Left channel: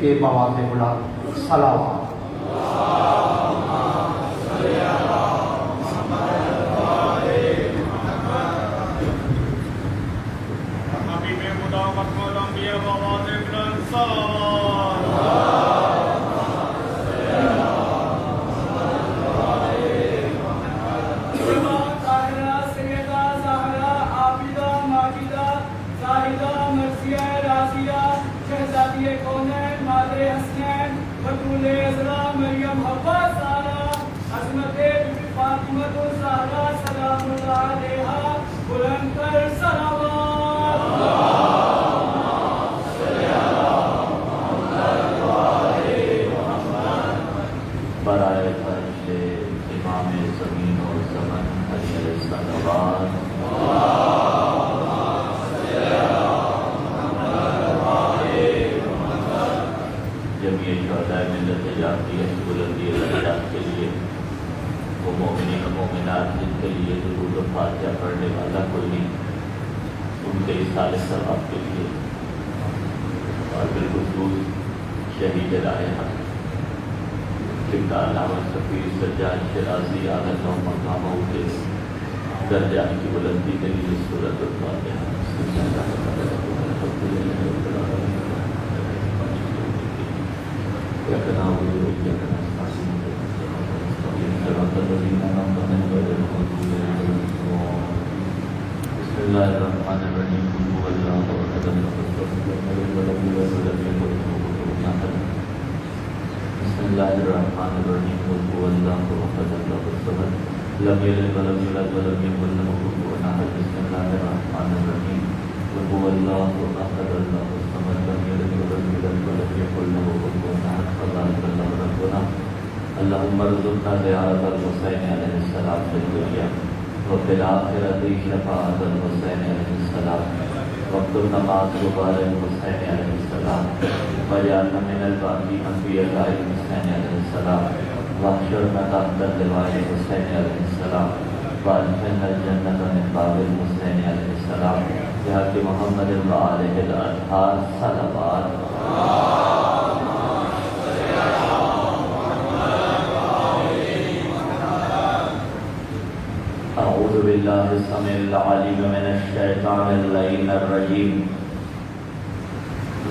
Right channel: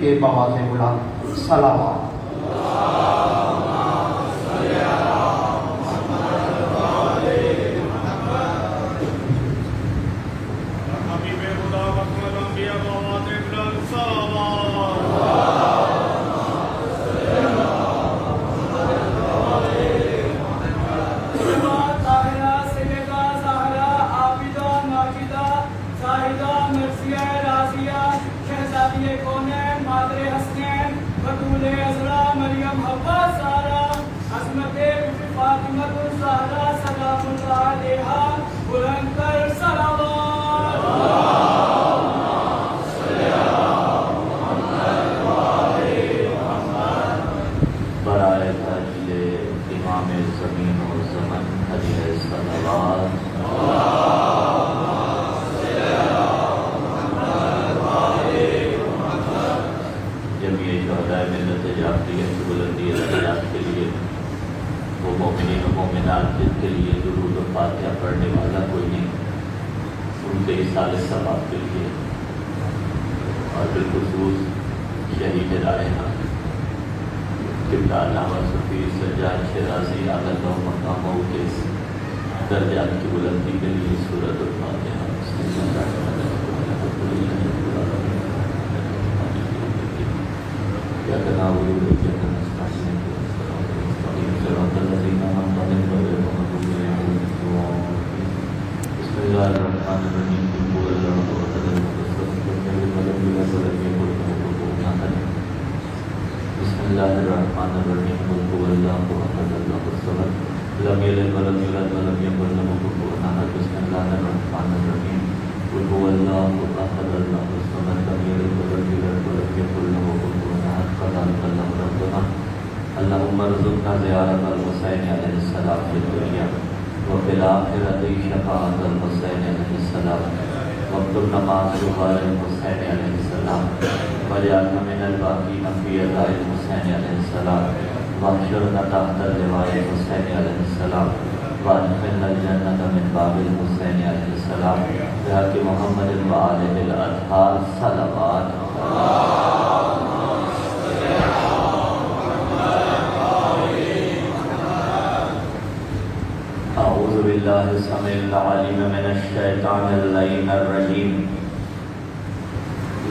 کے بواز بلند صلوات۔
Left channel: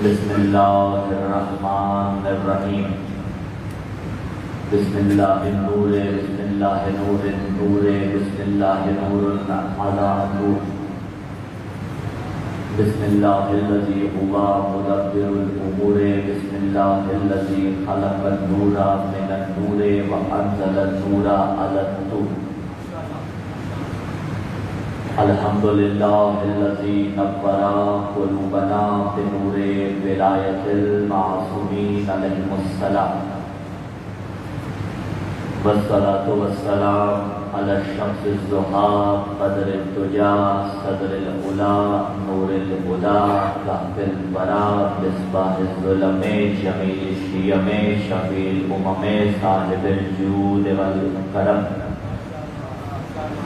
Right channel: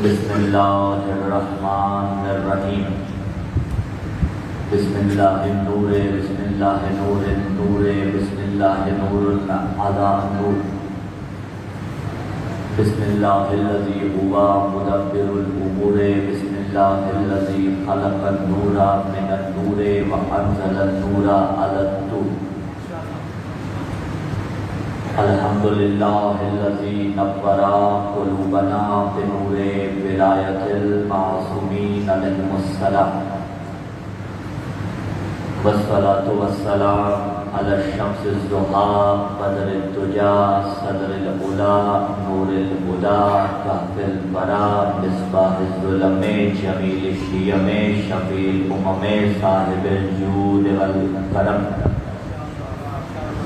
بسم اللہ الرحمن الرحیم بسم اللہ النور بسم اللہ نور النور بسم اللہ نور علی نور بسم اللہ الذی هو مدبر الامور بسم اللہ الذی خلق النور من النور وانزل النور علی النور الحمد للہ الذی نور قلوبنا بنور ولایت المعصومین علیہم السلام والصلاة والسلام علی الشمس الضحیٰ بدر الدجا صدر العلا نور الہدی کہف الورا مصباح الظلم جمیل الشیم شفیع الامم صاحب الجود والکرم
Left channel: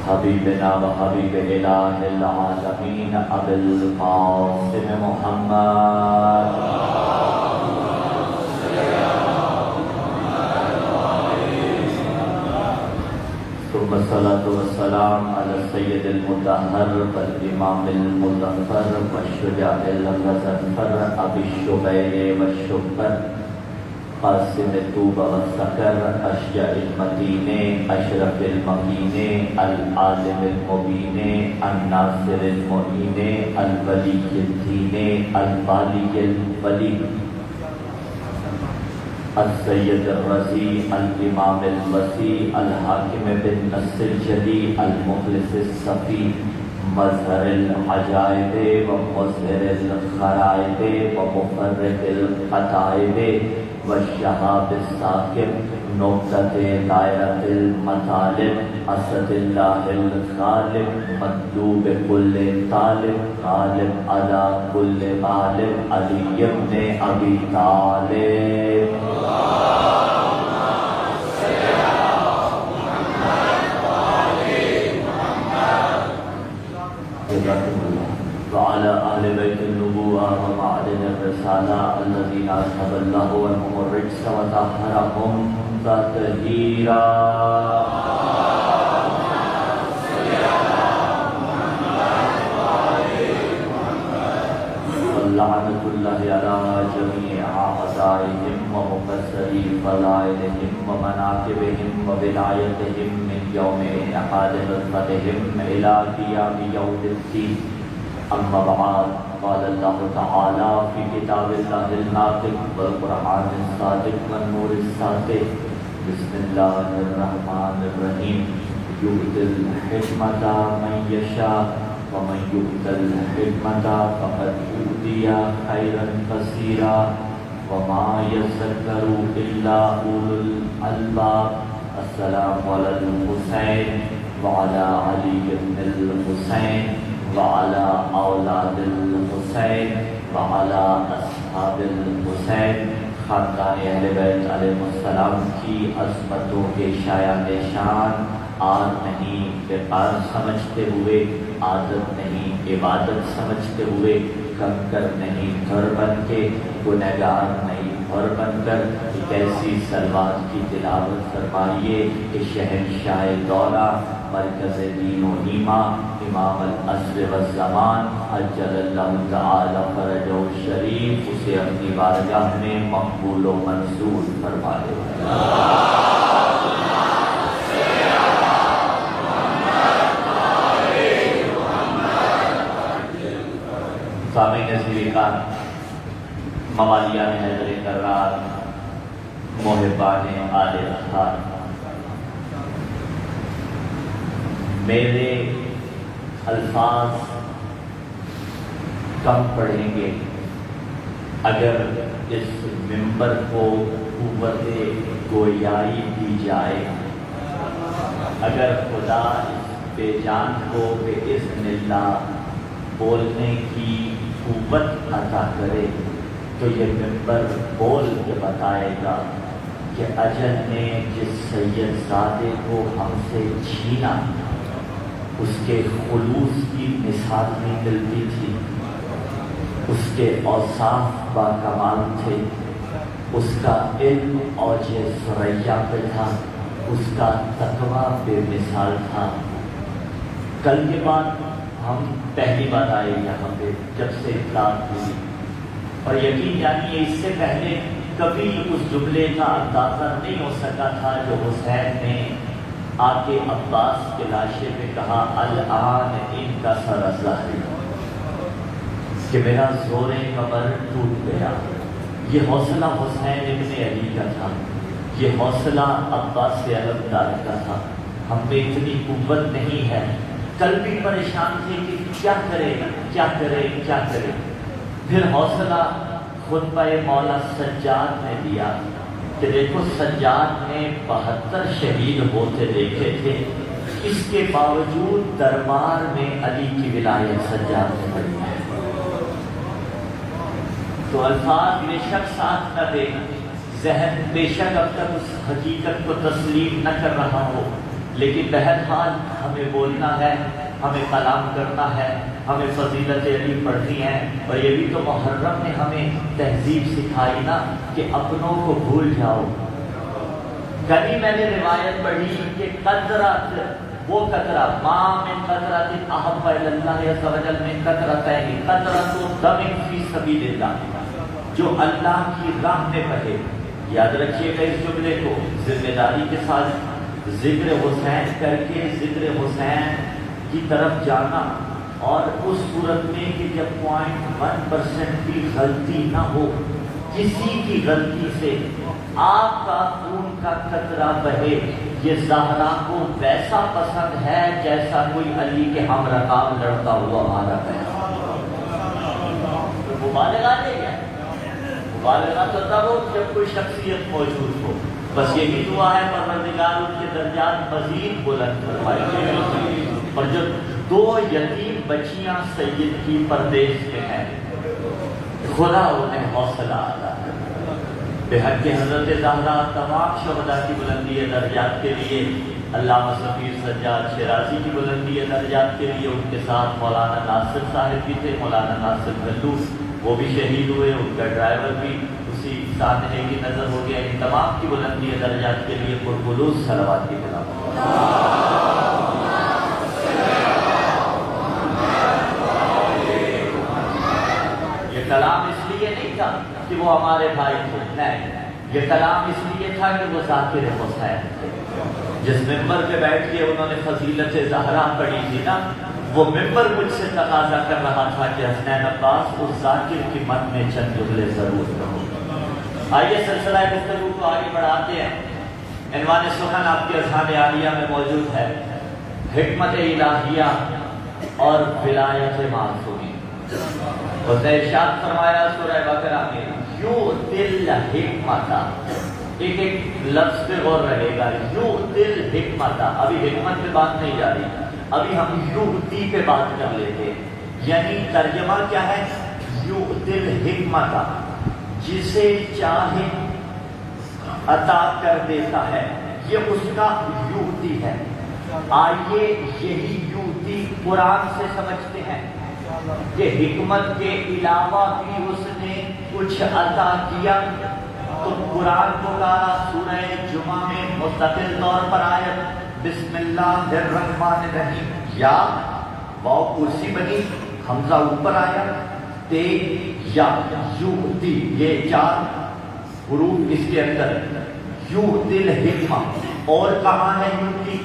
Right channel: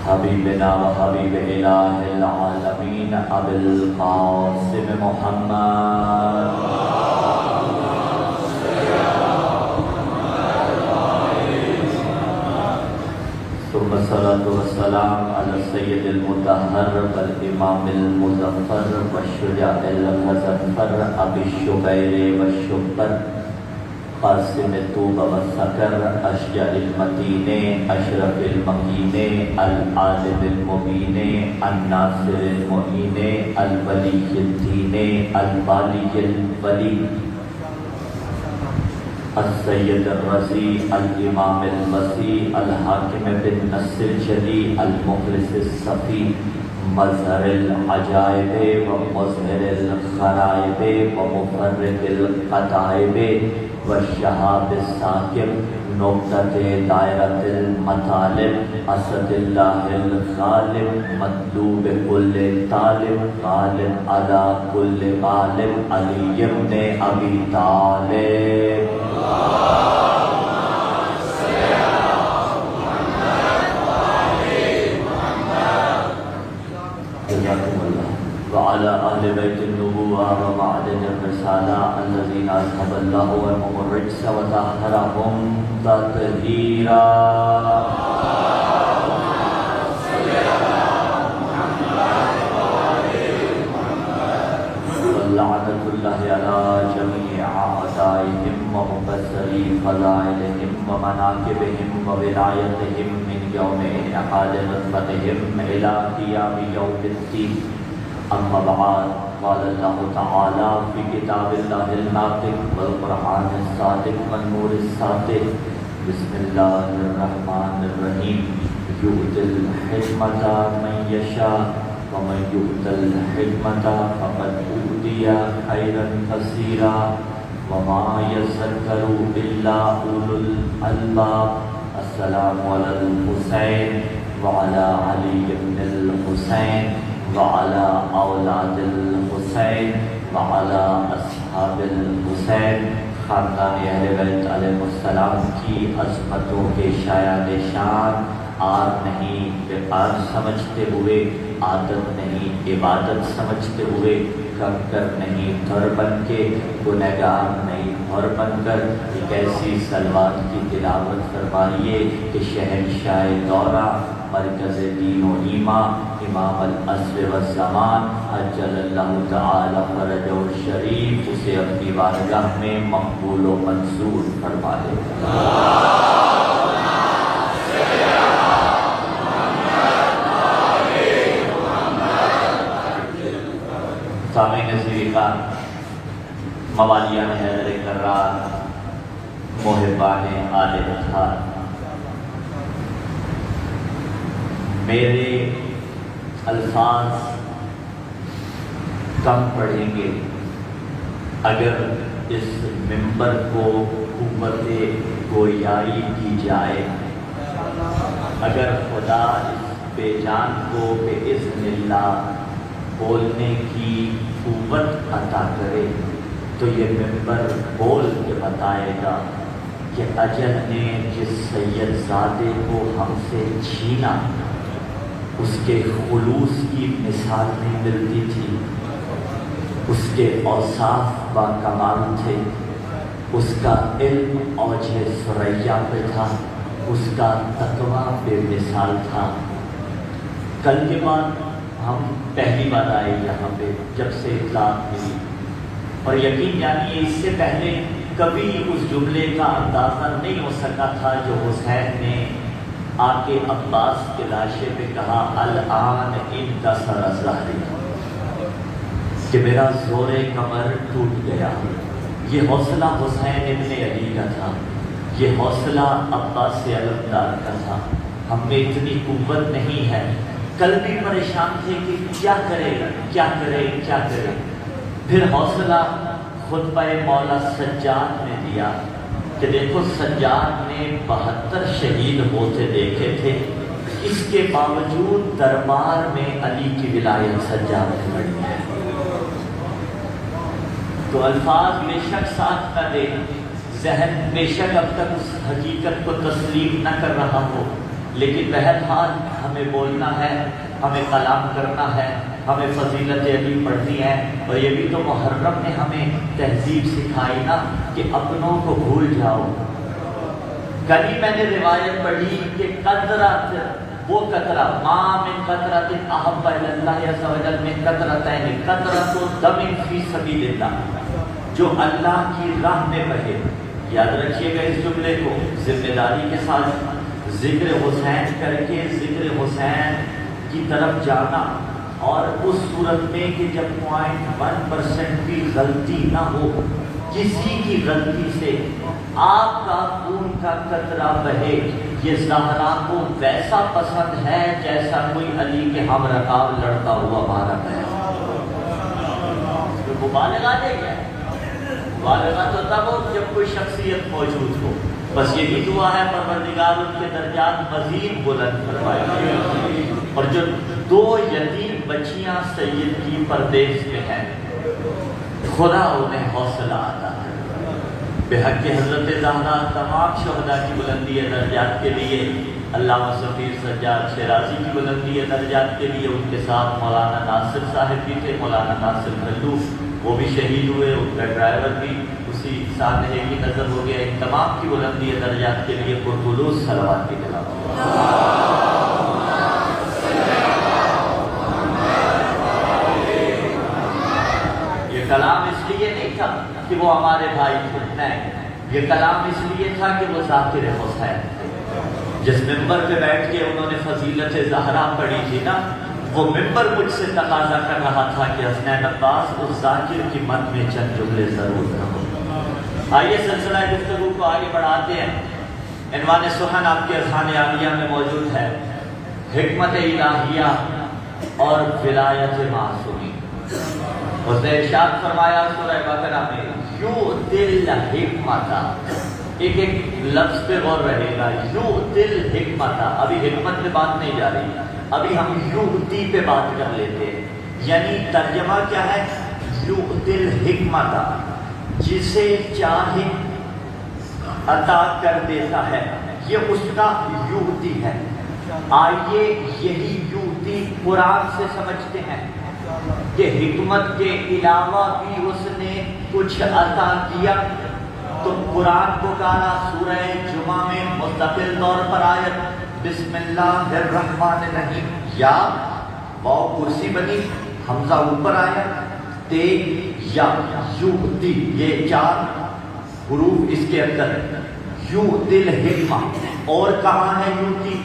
حبیبنا و حبیب الہ العالمین ابی القاسم محمد ثم الصلاة والسلام علی السید المطہر والامام المظفر والشجاع المظفر ابی الشبیر والشبر قاسم الطوب والسکر اشجع المتین اشرف المکین العالم المبین الناصر المعین الولی الدین الوالی الولی السید الرضی الامام الوسیع الحاکم بالنص الجلی المخلص الصفی مظہر العجائب و مظہر الغرائب و مفرق القطائب والشہاب الساکن نقطۃ دائرۃ المطالب اسد اللہ الغالب مطلوب کل طالب غالب علی کل غالب علی ابن ابی طالب وعلى آل بيت النبوة ومعدن الرسالة الذين أرحب الله عنهم الرجس وطهرهم تطهيرا لعنة الله على جميع أعدائهم ومكسري فضائلهم ومناكبهم وولايتهم من يوم انعقاد نصرتهم إلى قيام يوم الدين. أما بعد، قال الله تعالى في كتاب الله الناطق والقرآن الصادق والنور الساطع: بسم الله الرحمن الرحيم. يؤتي الحكمة من يشاء ومن يؤت الحكمة فقد أوتي خيرا كثيرا وما يذكر إلا أولو الألباب. السلام على الحسين وعلى علي بن الحسين وعلى أولاد الحسين وعلى أصحاب الحسین. خاندان اہل بیت علیہ السلام کی عظمتوں کے شایان شان آر نہیں وقار سمجھتے ہوئے، عادت نہیں عبادت سمجھتے ہوئے، کنکر نہیں گھر بن کے، گنہگار نہیں گھر بن کر ایک ایسی صلوات کی تلاوت فرمائیے کہ شہنشاہ دورہ، مرکز دین و ایمان، امام العصر والزمان عجل اللہ تعالی فرجہ الشریف اسے اپنی بارگاہ میں مقبول و منصور فرمائے. سامعین نظیر کا موالیان حیدر کرار، محبان آل اطہار، میرے الفاظ کم پڑھیں گے اگر اس منبر کو قوت گویائی دی جائے، اگر خدا اس بے جان کو بإذن اللہ بولنے کی قوت عطا کرے تو یہ منبر بول کے بتائے گا کہ اجل نے جس سید زادے کو ہم سے چھینا اس کے خلوص کی مثال نہیں ملتی تھی، اس کے اوصاف با کمال تھے، اس کا علم اوج ثریا پہ تھا، اس کا تقویٰ بے مثال تھا. کل کے بعد ہم پہلی بات آئے یہاں پہ جب سے اطلاع ملی، اور یقین جانیے اس سے پہلے کبھی اس جملے کا اندازہ نہیں ہو سکا تھا جو حسین نے آ کے عباس کے لاشے پہ کہا الآن ان کا سر ظاہری، کہ میرا زور کمر ٹوٹ گیا. یہ حوصلہ حسین ابن علی کا تھا، یہ حوصلہ عباس علمدار کا تھا. ہم میں اتنی قوت نہیں ہے. کل بھی پریشان تھے کہ کیا کرے گا، کیا کرے کیا کرے. پھر حوصلہ خطبہ مولا سجاد نے دیا کہ دیکھو سجاد نے 72 شہید ہوتے دیکھے تھے، اس کے باوجود دربار میں علی کی ولایت سجاد نے پڑھی ہے. تو الفاظ بے شک ساتھ نہ دے، ذہن بے شک اب تک اس حقیقت کو تسلیم نہ کر رہا ہو، لیکن بہرحال ہمیں بولنا ہے، ہمیں کلام کرنا ہے، ہمیں فضیلت علی پڑھنی ہے. اور یہ بھی تو محرم نے ہمیں تہذیب سکھائی نا کہ اپنوں کو بھول جاؤ. کبھی میں نے روایت پڑھی کہ قطرۃ، وہ قطرہ ماں من قطرۃ احب الی اللہ عز وجل من قطرتین قطرۃ دم فی سبیل اللہ، جو اللہ کی راہ میں بہے. یاد رکھیے گا اس جملے کو ذمہ داری کے ساتھ. ذکر حسین کر کے ذکر حسین کی طرف جانا، اور اس صورت میں کہ جب 0.1% بھی غلطی نہ ہو، کسی کی غلطی سے آپ کا خون کا قطرہ بہے، یہ زہرا کو ویسا پسند ہے جیسا کوئی علی کے ہم رکاب لڑتا ہوا مارا ہے. تو مبالغہ نہیں ہے، مبالغہ تو تب ہو جب کوئی شخصیت موجود ہو. بس یہی دعا ہے پروردگار ان کے درجات مزید بلند فرمائے. اور جو 2 یتیم بچیاں سید کی پردیس میں ہیں، خدا انہیں حوصلہ عطا کرے. بحق حضرت زہرا تمام شہداء کی بلندی درجات کے لیے، علامہ سفیر سجاد شیرازی کی بلندی درجات کے لیے. ان کے ساتھ مولانا ناصر صاحب بھی تھے، مولانا ناصر کھلو، وہ بھی شہید ہوئے. ان کا ڈرائیور بھی اسی ساتھ ہے یہ نظر ہو گیا ان تمام کی بلندی درجات کے لیے پرخلوص صلوات کی تلاوت۔ یہ کلام اس لیے نہیں تھا کہ وہ ہمارے بھائی تھے، نہیں، یہ کلام اس لیے تھا کہ وہ ذاکر حسین تھے۔ جس ممبر پہ بیٹھ کے انہوں نے فضیلت زہرا پڑھی تھی نا، وہ ممبر مجھ سے تقاضا کر رہا تھا کہ حسنین عباس اس ذاکر کی مد میں چند جملے ضرور کرو۔ آئیے سلسلہ گفتگو کو آگے بڑھاتے ہیں۔ عنوان سخن آپ کے اذہان عالیہ میں موجود ہے، حکمت الہیہ اور ولایت معصومی۔ اسے ارشاد فرمایا سورہ بقرہ میں، یؤتی الحکمت، ایک ایک لفظ پہ غور رہے گا، یؤتی الحکمت۔ ابھی حکمت پہ بات نہیں جا رہی، ابھی ہم یؤتی پہ بات کر لیتے ہیں۔ یعنی ترجمہ کیا ہے؟ یؤتی الحکمت، جسے چاہے عطا کر دیتا ہے، یہ اس کا یؤتی ہے۔ آئیے یہی یؤتی قرآن سے سمجھتے ہیں کہ حکمت کے علاوہ بھی اس نے کچھ عطا کیا۔ تو قرآن کو کہا سورہ جمعہ میں مستقل طور پر آیت بسم اللہ الرحمن الرحیم، یا واو کرسی بنی، حمزہ اوپر آیا، تے یا یؤتی، یہ چار حروف اس کے اندر ہے۔ یؤتی الحکمہ، اور کہاں ہے یؤتی؟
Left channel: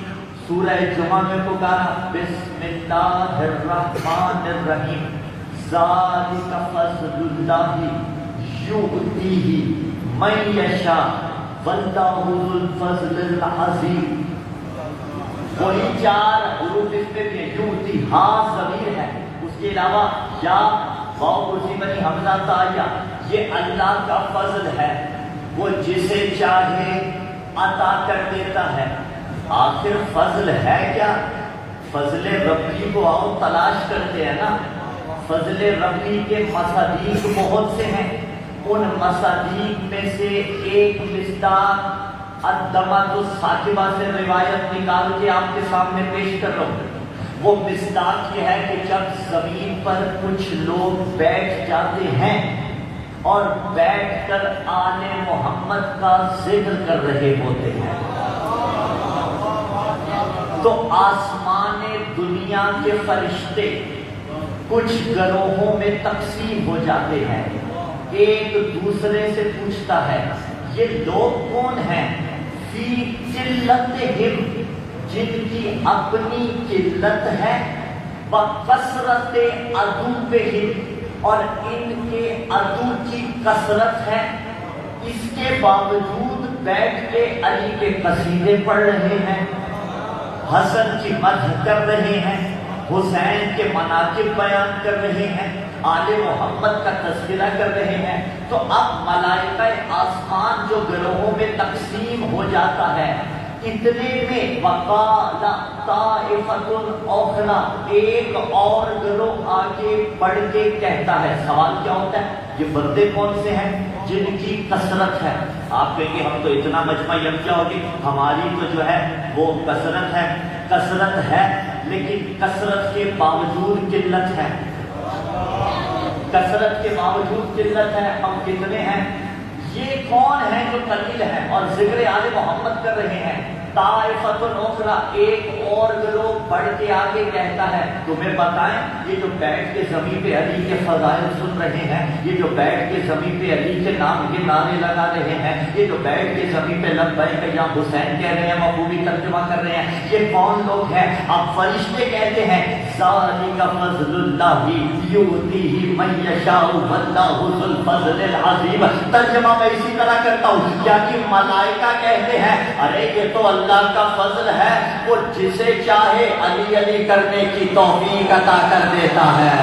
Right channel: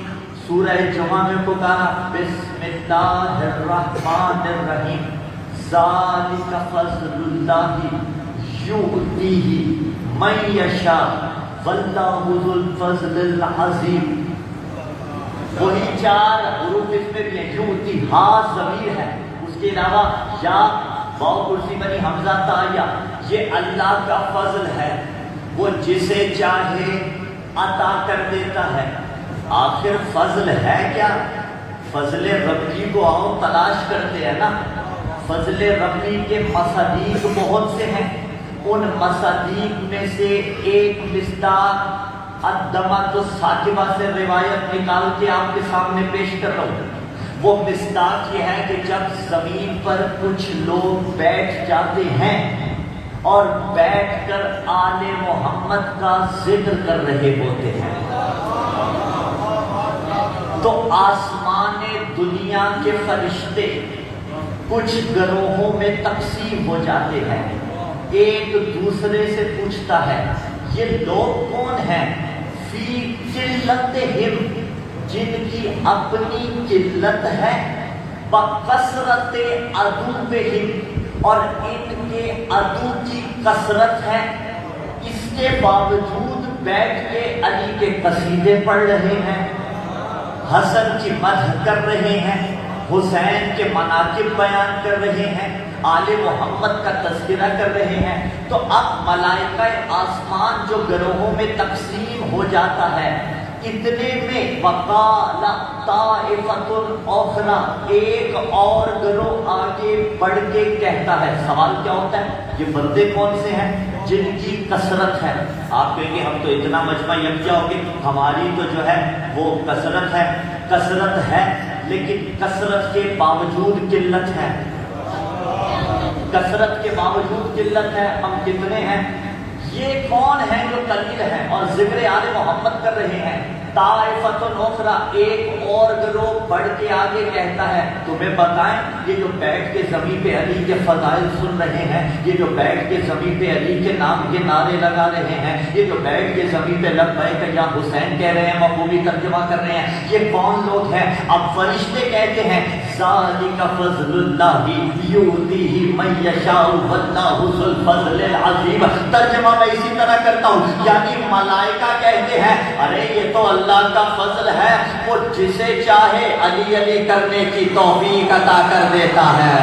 سورہ جمعہ میں پکارا بسم اللہ الرحمن الرحیم، ذالک فضل اللہ یؤتیہ من یشاء واللہ ذو الفضل العظیم۔ وہی چار حروف اس میں بھی ہیں، یؤتی ہاں ضمیر ہے، اس کے علاوہ یا واو کرسی بنی حمزہ تا یا، یہ اللہ کا فضل ہے، وہ جسے چاہے عطا کر دیتا ہے۔ آخر فضل ہے کیا؟ فضل ربی کو آؤ تلاش کرتے ہیں نا۔ فضل ربی کے مصادیق بہت سے ہیں، ان مصادیق میں سے ایک مصداق الدمۃ الساکبہ سے روایت نکال کے آپ کے سامنے پیش کرو۔ وہ مصداق یہ ہے کہ جب زمین پر کچھ لوگ بیٹھ جاتے ہیں اور بیٹھ کر آل محمد کا ذکر کر رہے ہوتے ہیں، تو آسمان دنیا کے فرشتے کچھ گروہوں میں تقسیم ہو جاتے ہیں۔ ایک دوسرے سے پوچھتا ہے یہ لوگ کون ہیں؟ فی قلتہم، جن کی اپنی قلت ہے، بکثرت عدوہم، اور ان کے عدو کی کثرت ہے، اس کے باوجود بیٹھ کے علی کے قصیدے پڑھ رہے ہیں، حسن کی مدح کر رہے ہیں، حسین کے مناقب بیان کر رہے ہیں، آل محمد کا تذکرہ کر رہے ہیں۔ تو اب ملائکہ آسمان جو گروہوں میں تقسیم ہو جاتا ہے، اتنے میں وقال طائفۃ اخری، ایک اور گروہ آگے بڑھ کے کہتا ہے۔ سوال کیا ہوتا ہے؟ یہ بندے کون سے ہیں جن کی کثرت ہے؟ آپ کہیں گے ہم تو اتنا مجمع یکجا ہو گے، ہماری تو جو ہے وہ کثرت ہے، کثرت ہے، لیکن کثرت کے باوجود قلت ہے، کثرت کے باوجود قلت ہے۔ ہم کتنے ہیں؟ یہ کون ہے جو قلیل ہے اور ذکر آل محمد کر رہے ہیں؟ طائفۃ اخری، ایک اور گروہ بڑھ کے آگے کہتا ہے۔ تمہیں بتائیں یہ جو بیٹھ کے زمین پہ علی کے فضائل سن رہے ہیں، یہ جو بیٹھ کے زمین پہ علی کے نام کے نعرے لگا رہے ہیں، یہ جو بیٹھ کے زمین پہ لبیک یا حسین کہہ رہے ہیں، مفہومی ترجمہ کر رہے ہیں، یہ کون لوگ ہیں؟ اب فرشتے کہتے ہیں ذالک فضل اللہ یؤتیہ من یشاء واللہ ذو الفضل العظیم۔ ترجمہ میں اسی طرح کرتا ہوں، یعنی ملائکہ کہتے ہیں ارے یہ تو اللہ کا فضل ہے، وہ جسے چاہے علی علی کرنے کی توفیق عطا کر دیتا ہے۔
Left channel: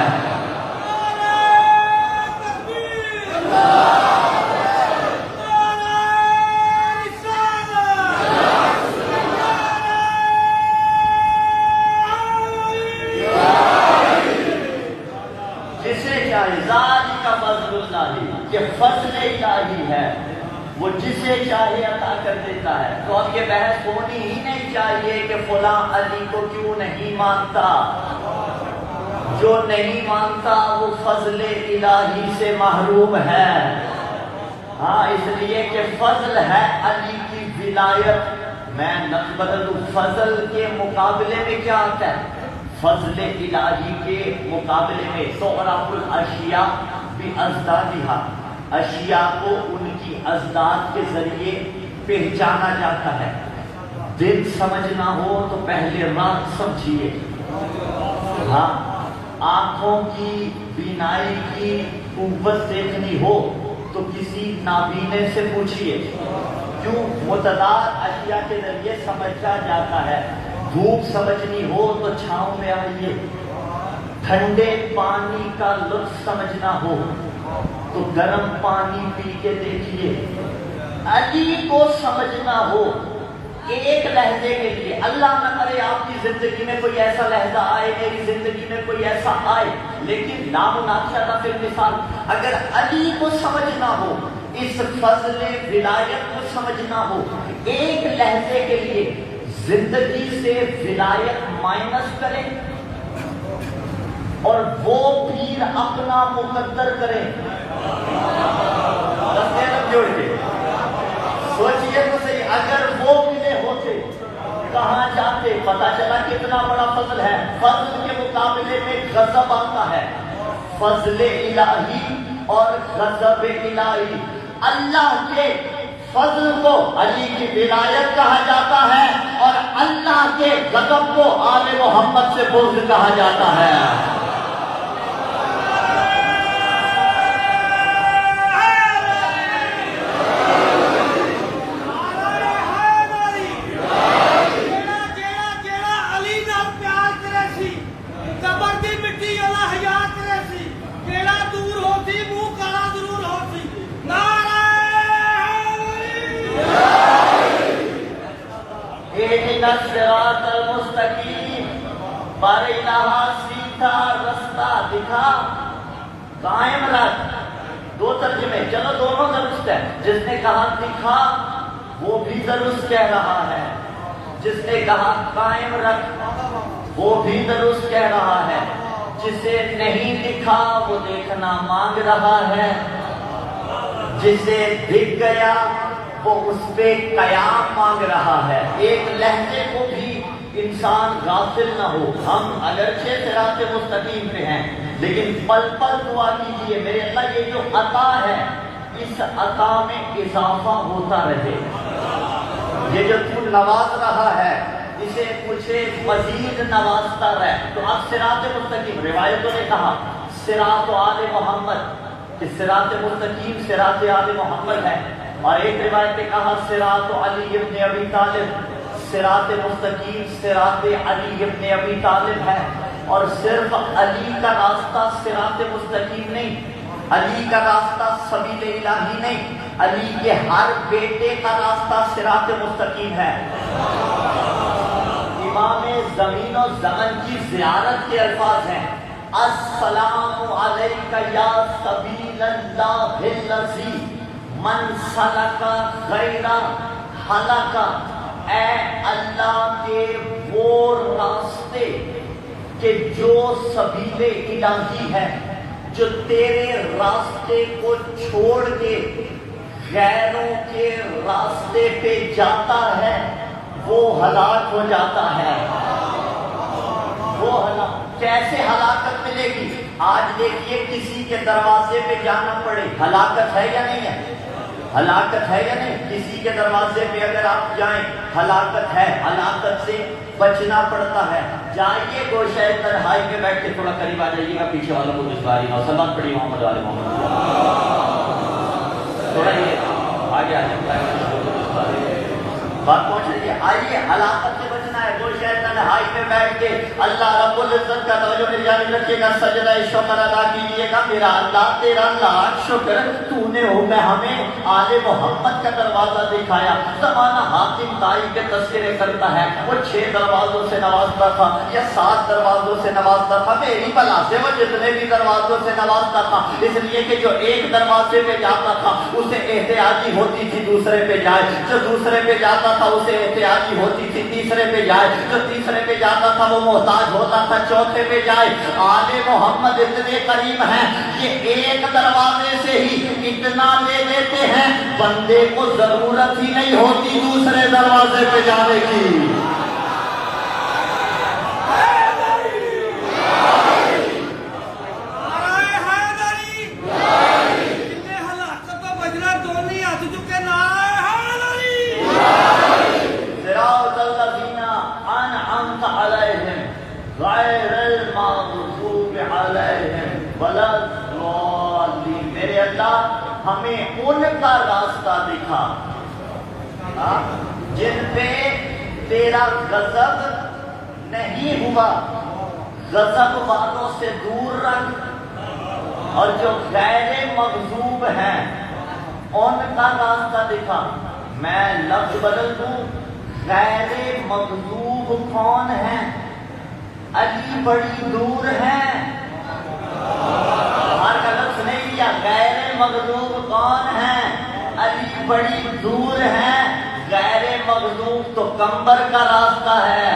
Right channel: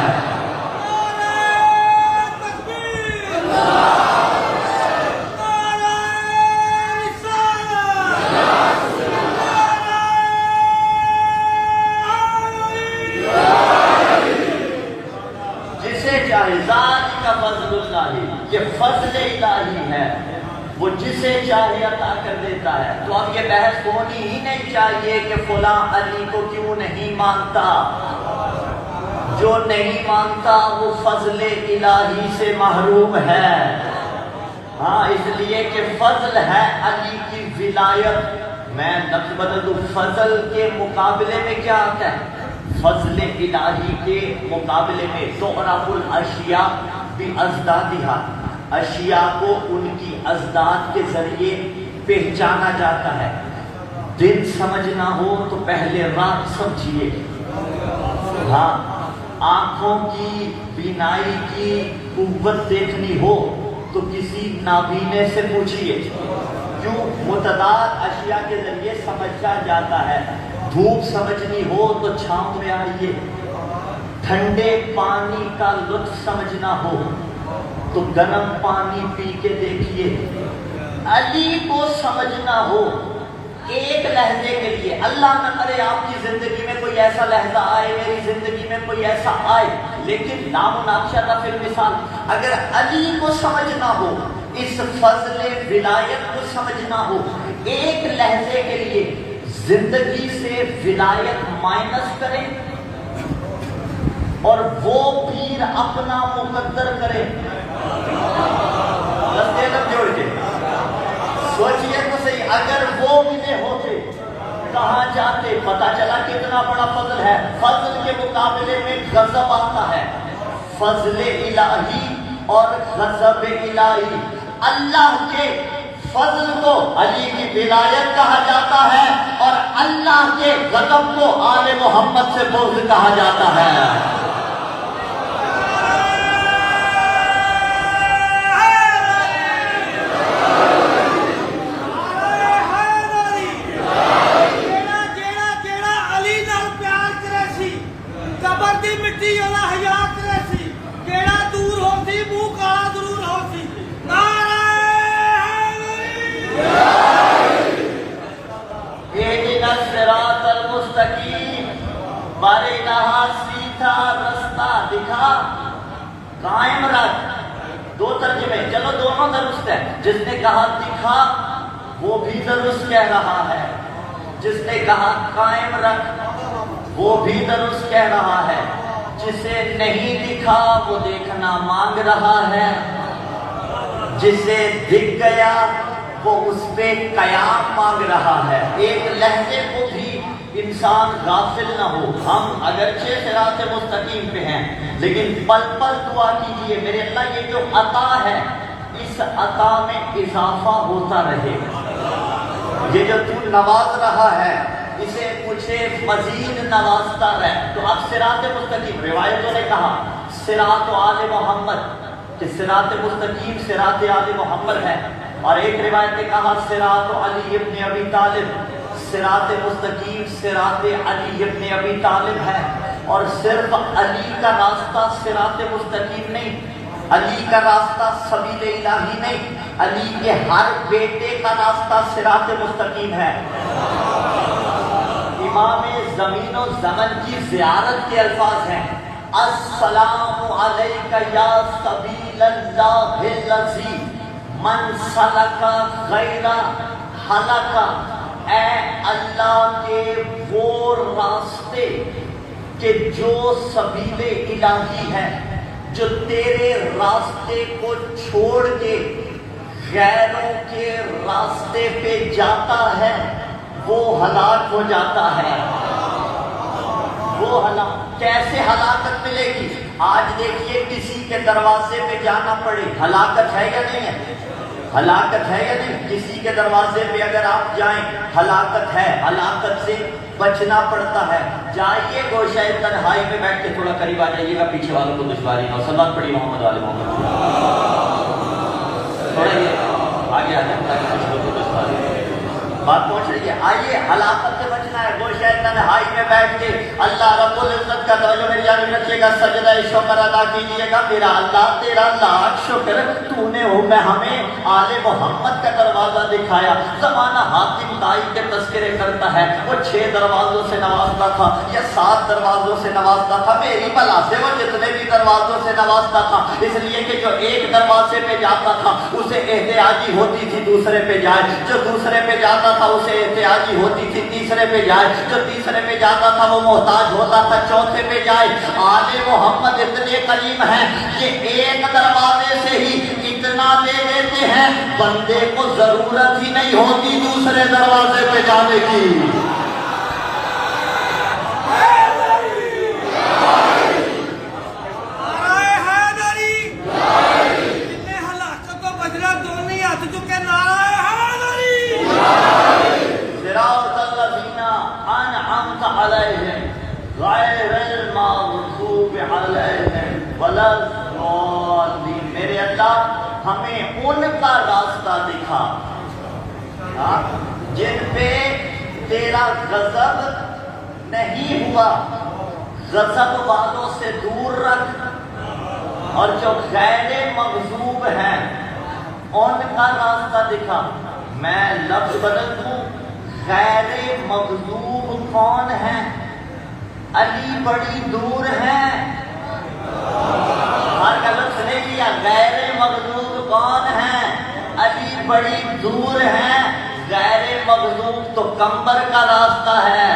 جسے چاہے، ذالک فضل اللہ، یہ فضل الہی ہے، وہ جسے چاہے عطا کر دیتا ہے۔ تو اب یہ بحث ہونی ہی نہیں چاہیے کہ فلاں علی کو کیوں نہیں مانتا۔ جو نہیں مانتا وہ فضل الہی سے محروم ہے۔ ہاں اس لیے کہ فضل ہے علی کی ولایت. میں نقل بدل دوں، فضل کے مقابلے میں کیا آتا ہے؟ فضل الہی کے مقابلے میں تعرف الاشیاء بازدادها، اشیاء کو ان کی ازداد کے ذریعے پہچانا جاتا ہے. دن سمجھنا ہو تو پہلے رات سمجھیے. ہاں آنکھوں کی بینائی کی قوت دیکھنی ہو تو کسی نابینے سے پوچھیے. کیوں؟ متضاد اشیاء کے ذریعے سمجھا جاتا ہے. دھوپ سمجھنی ہو تو چھاؤں میں آئیے. ٹھنڈے پانی کا لطف سمجھنا ہو تو گرم پانی پی کے دیکھیے. علی کو سمجھنا ہو ایک لہجے کے لیے، اللہ نہ کرے آپ کی زندگی میں کوئی ایسا لہجہ آئے، میری زندگی میں کوئی ایسا آئے، لیکن نامناقشہ کا پھر مثال، اگر علی کو سمجھنا ہو، اس فضل ولایت کو سمجھنا ہو، ایک لہجے کے لیے زندگی سے ولایت مائنس کریں اور وہ پیر اپنا مقدر کریں. جوڑ کے سوچئے تو صحیح، اگر وہ ملے ہوتے کہاں جاتے؟ پتا چلا کتنا بڑا فضل ہے. فضل کے مقابلے میں غضب آتا ہے. فضل الہی اور غضب الہی، اللہ کے فضل کو علی کی ولایت کہا جاتا ہے اور اللہ کے غضب کو آل محمد سے بغض کہا جاتا ہے. سیدھا رستہ دکھا، قائم رکھ. دو ترجمے، چلو دونوں درست ہے. جس نے کہا دکھا وہ بھی درست کہہ رہا ہے، جس نے کہا قائم رکھ وہ بھی درست کہہ رہا ہے. جسے نہیں دکھا وہ دیکھنا مانگ رہا ہے، جسے دکھ گیا وہ اس پہ قیام مانگ رہا ہے. ایک لہجے کو بھی انسان غافل نہ ہو. ہم اگرچہ صراط مستقیم پہ ہیں لیکن پل پل دعا کیجیے میرے اللہ یہ جو عطا ہے اس عطا میں اضافہ ہوتا رہے. یہ جو تو نواز رہا ہے اسے مجھے مزید نوازتا رہے. تو اب صراط مستقیم، روایتوں نے کہا صراط آل محمد کہ صراط مستقیم صراط آل محمد ہے، اور ایک روایت نے کہا صراط علی ابن ابی طالب، صراط مستقیم صراط علی ابن ابی طالب ہے. اور صرف علی کا راستہ صراط مستقیم نہیں، علی کا راستہ سبیل الہی نہیں، علی کے ہر بیٹے کا راستہ صراط مستقیم ہے. امام زمین و زمن کی زیارت کے الفاظ ہیں السلام علیک یا سبیل اللہ الذی من سلک غیر ہلک. اے اللہ کے وہ راستے کہ جو سبیل الہی ہے، جو تیرے راستے کو چھوڑ کے غیروں کے راستے پہ جاتا ہے وہ ہلاک ہو جاتا ہے. وہ کیسے ہلاکت ملے گی؟ آج دیکھیے کسی کے دروازے پہ جانا پڑے، ہلاکت ہے یا نہیں ہے؟ ہلاکت ہے یا نہیں؟ کسی کے دروازے پہ اگر آپ جائیں ہلاکت ہے. ہلاکت سے بچنا پڑتا ہے. جائیے گوشہ تنہائی میں بیٹھ کے تھوڑا قریب آ جائیے گا، پیچھے والوں کو دشواری کا سبق پڑھی محمد علیہ محمد آگے بات پہنچ رہی ہے. آئیے ہلاکت سے بچنا ہے. گوشہ تنہائی میں بیٹھ کے اللہ رب العزت کا توجہ میری جانب رکھیے گا، سجدہ شکر ادا کیجیے گا. میرا اللہ تیرا لاکھ شکر تو نے ہو میں ہمیں آل محمد کا دروازہ دکھایا. زمانہ حاتم طائی کے تذکرے کرتا ہے وہ 6 دروازوں سے نوازتا تھا یا 7 دروازوں سے نوازتا تھا. میری بلا سے وہ جتنے بھی دروازوں سے نوازتا تھا، اس لیے کہ جو ایک دروازے پہ جاتا تھا اسے احتیاجی ہوتی تھی دوسرے پہ جائے، جو دوسرے پہ جاتا تھا اسے احتیاجی ہوتی تھی تیسرے پہ جائے، جو تیسرے پہ جاتا تھا وہ محتاج ہوتا تھا چوتھے پہ جائے. آل محمد اتنے قریب ہیں کہ ایک دروازے سے ہی اتنا لے لیتے دیتے ہیں بندے کو ضرورت ہی نہیں ہوتی دوسرے دروازے پہ جانے کی. صراط الذین انعمت علیہم غیر المغضوب علیہم ولا الضالین. میرے اللہ ہمیں ان کا راستہ دکھا جن پہ تیرا غضب نہیں ہوا. غضب والوں سے دور رکھ، اور جو غیر مغضوب ہیں ان کا راستہ دکھا. میں لفظ بدل دوں، غیر مغضوب کون ہے؟ علی بڑی دور ہے. ہر غلط سنے لیا، غیر مغضوب کون ہے؟ علی بڑی دور ہے. غیر مغضوب تو کمبر کا راستہ ہے.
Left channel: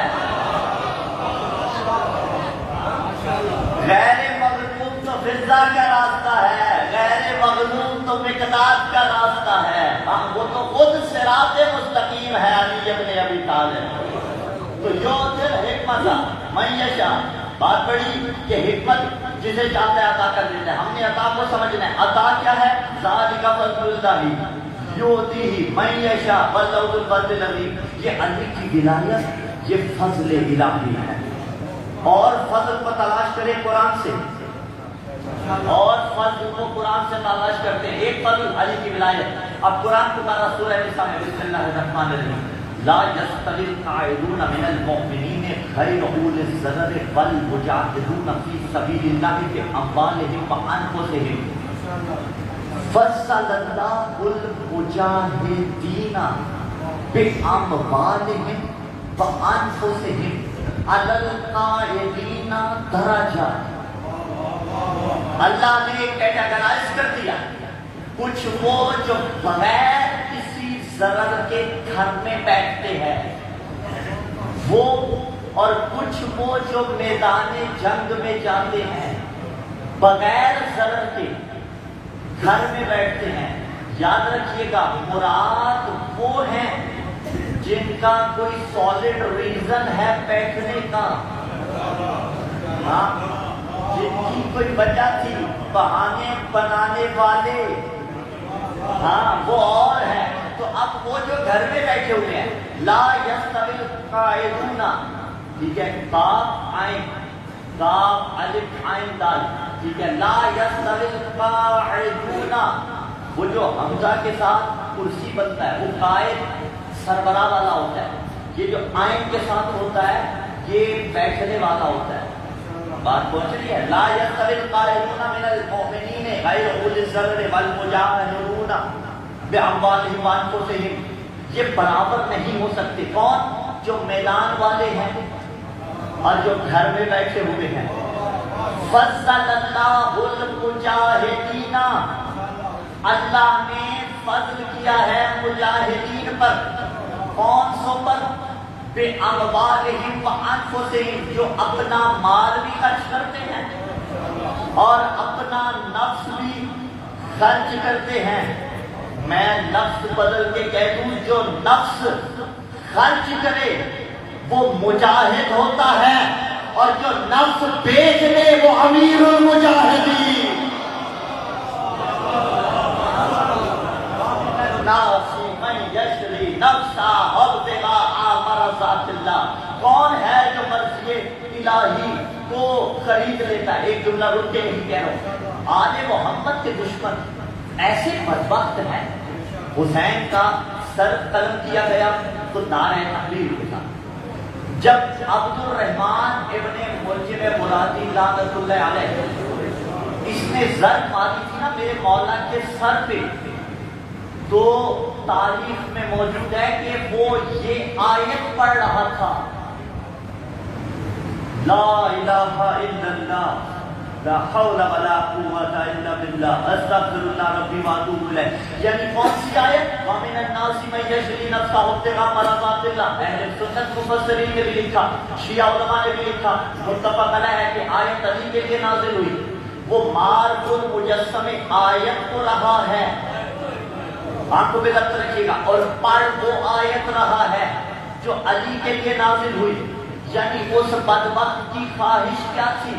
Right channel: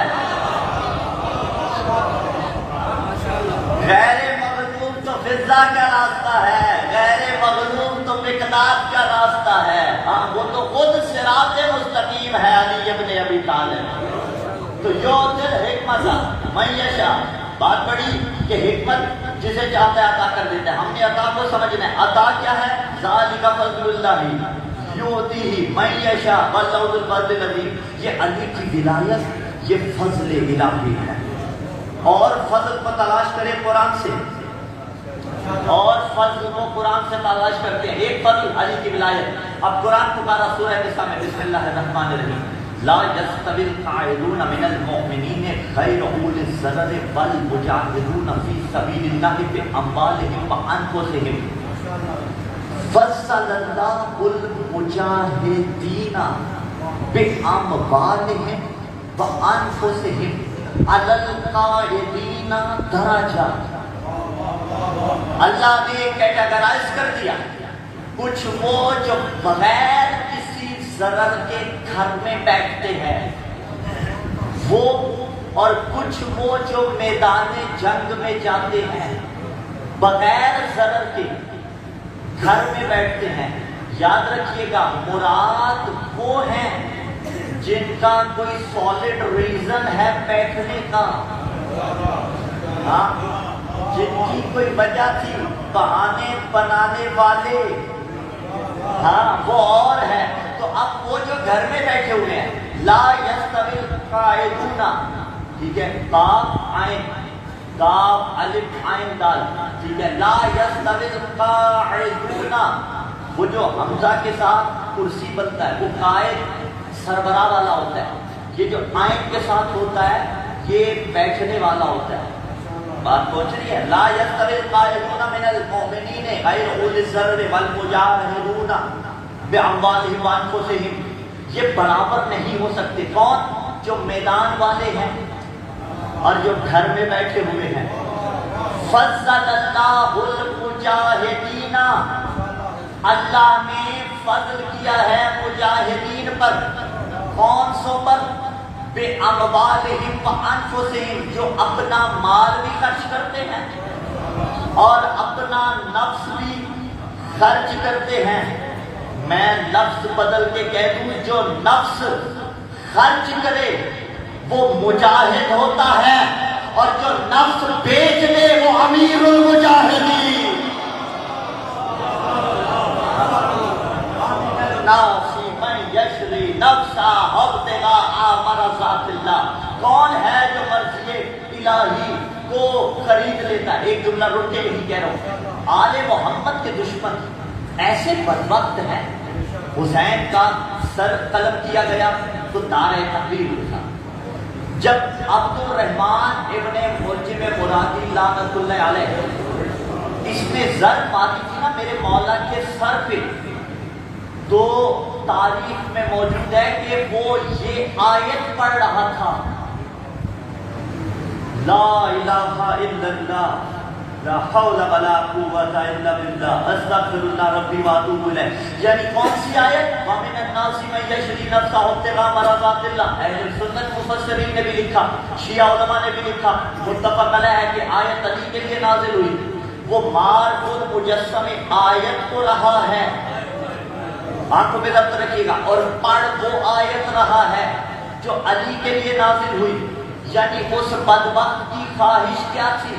غیر مغضوب تو فضا کا راستہ ہے. غیر مغضوب تو مقداد کا راستہ ہے. ہاں وہ تو خود صراط مستقیم ہے علی ابن ابی طالب. تو یوت حکمت من یشاء، بات بڑی کہ حکمت جسے چاہتا ہے عطا کر دیتا ہے. ہم نے عطا کو سمجھنا ہے. عطا کیا ہے؟ ذالک فضل اللہ یؤتیہ من یشاء واللہ ذو الفضل العظیم. یہ اللہ کی ولایت، یہ فضل الہی ہے. اور فضل کو تلاش کرے قرآن سے، اور فضل کو قرآن سے تلاش کرتے ہیں. ایک فضل علی کی ولایت. اب قرآن پکارا سورہ نساء میں، بسم اللہ الرحمن الرحیم. لا يستوي القاعدون من المؤمنین غیر اولی الضرر والمجاہدون فی سبیل اللہ باموالہم وانفسہم. فضل اللہ المجاہدین باموالہم وانفسہم علی القاعدین درجہ. اللہ نے کیٹاگرائز کر دیا. کچھ وہ جو بغیر کسی ضرر کے گھر میں بیٹھتے ہیں وہ، اور کچھ وہ جو میدان جنگ میں جاتے ہیں بغیر ضرر کے گھر میں بیٹھتے ہیں. یاد رکھیے گا، مراد وہ ہیں جن کا کوئی سالڈ ریزن ہے بیٹھنے کا، جن کی کوئی وجہ تھی. بہانے بنانے والے ہاں وہ اور ہے. تو اب وہ جو گھر میں بیٹھے ہوئے ہیں، لا یستوی القاعدون، ٹھیک ہے، کاف عین کاف الف عین دال، ٹھیک ہے. لا یستوی القاعدون، وہ جو حمزہ کے ساتھ کرسی بنتا ہے وہ قائد سربراہ والا ہوتا ہے. یہ جو عین کے ساتھ ہوتا ہے یہ بیٹھنے والا ہوتا ہے. بات پہنچ رہی ہے. لا یستوی القاعدون من المؤمنین غیر اولی الضرر والمجاہدون باموالہم وانفسہم. یہ برابر نہیں ہو سکتے. کون؟ جو میدان والے ہیں اور جو گھر میں بیٹھے ہوئے ہیں. فضل اللہ المجاہدین، اللہ نے فضل کیا ہے مجاہدین پر. کون سو پر؟ بے اموالہم وانفسہم، جو اپنا مال بھی خرچ کرتے ہیں اور اپنا نفس بھی خرچ کرتے ہیں. میں لفظ بدل کے کہہ دوں، جو نفس خرچ کرے وہ مجاہد ہوتا ہے، اور جو نفس بیچ لے وہ امیر المجاہدین. کون ہے جو مرضی الہی کو خرید لیتا ہے؟ ایک جملہ رک کے نہیں کہہ رہا ہوں. آل محمد کے دشمن ایسے بدبخت ہیں. حسین کا سر قلم کیا گیا تو نعرہ تکبیر ہوتا. جب عبد الرحمن ابن مرجم مرادی لعنت اللہ علیہ اس نے زر ماری تھی نا میرے مولا کے سر پہ، تو تاریخ میں موجود ہے کہ وہ یہ آیت پڑھ رہا تھا، لا الہ الا اللہ لا حول ولا قوت الا باللہ استغفر اللہ ربی واتوب الیہ. یعنی کون سی آیت؟ ومن الناس من یشری نفسہ ابتغاء مرضات اللہ. اہل سنت مفسرین نے بھی لکھا، شیعہ علماء نے بھی لکھا، متفق علیہ ہے کہ آیت علی کے لیے نازل ہوئی. وہ مار اور مجسمے آیت تو رہا ہے آنکھوں پہ ضبط رکھیے گا، اور پڑھ وہ آیت رہا ہے جو علی کے لیے نازل ہوئی. یعنی اس بدبخت کی خواہش کیا تھی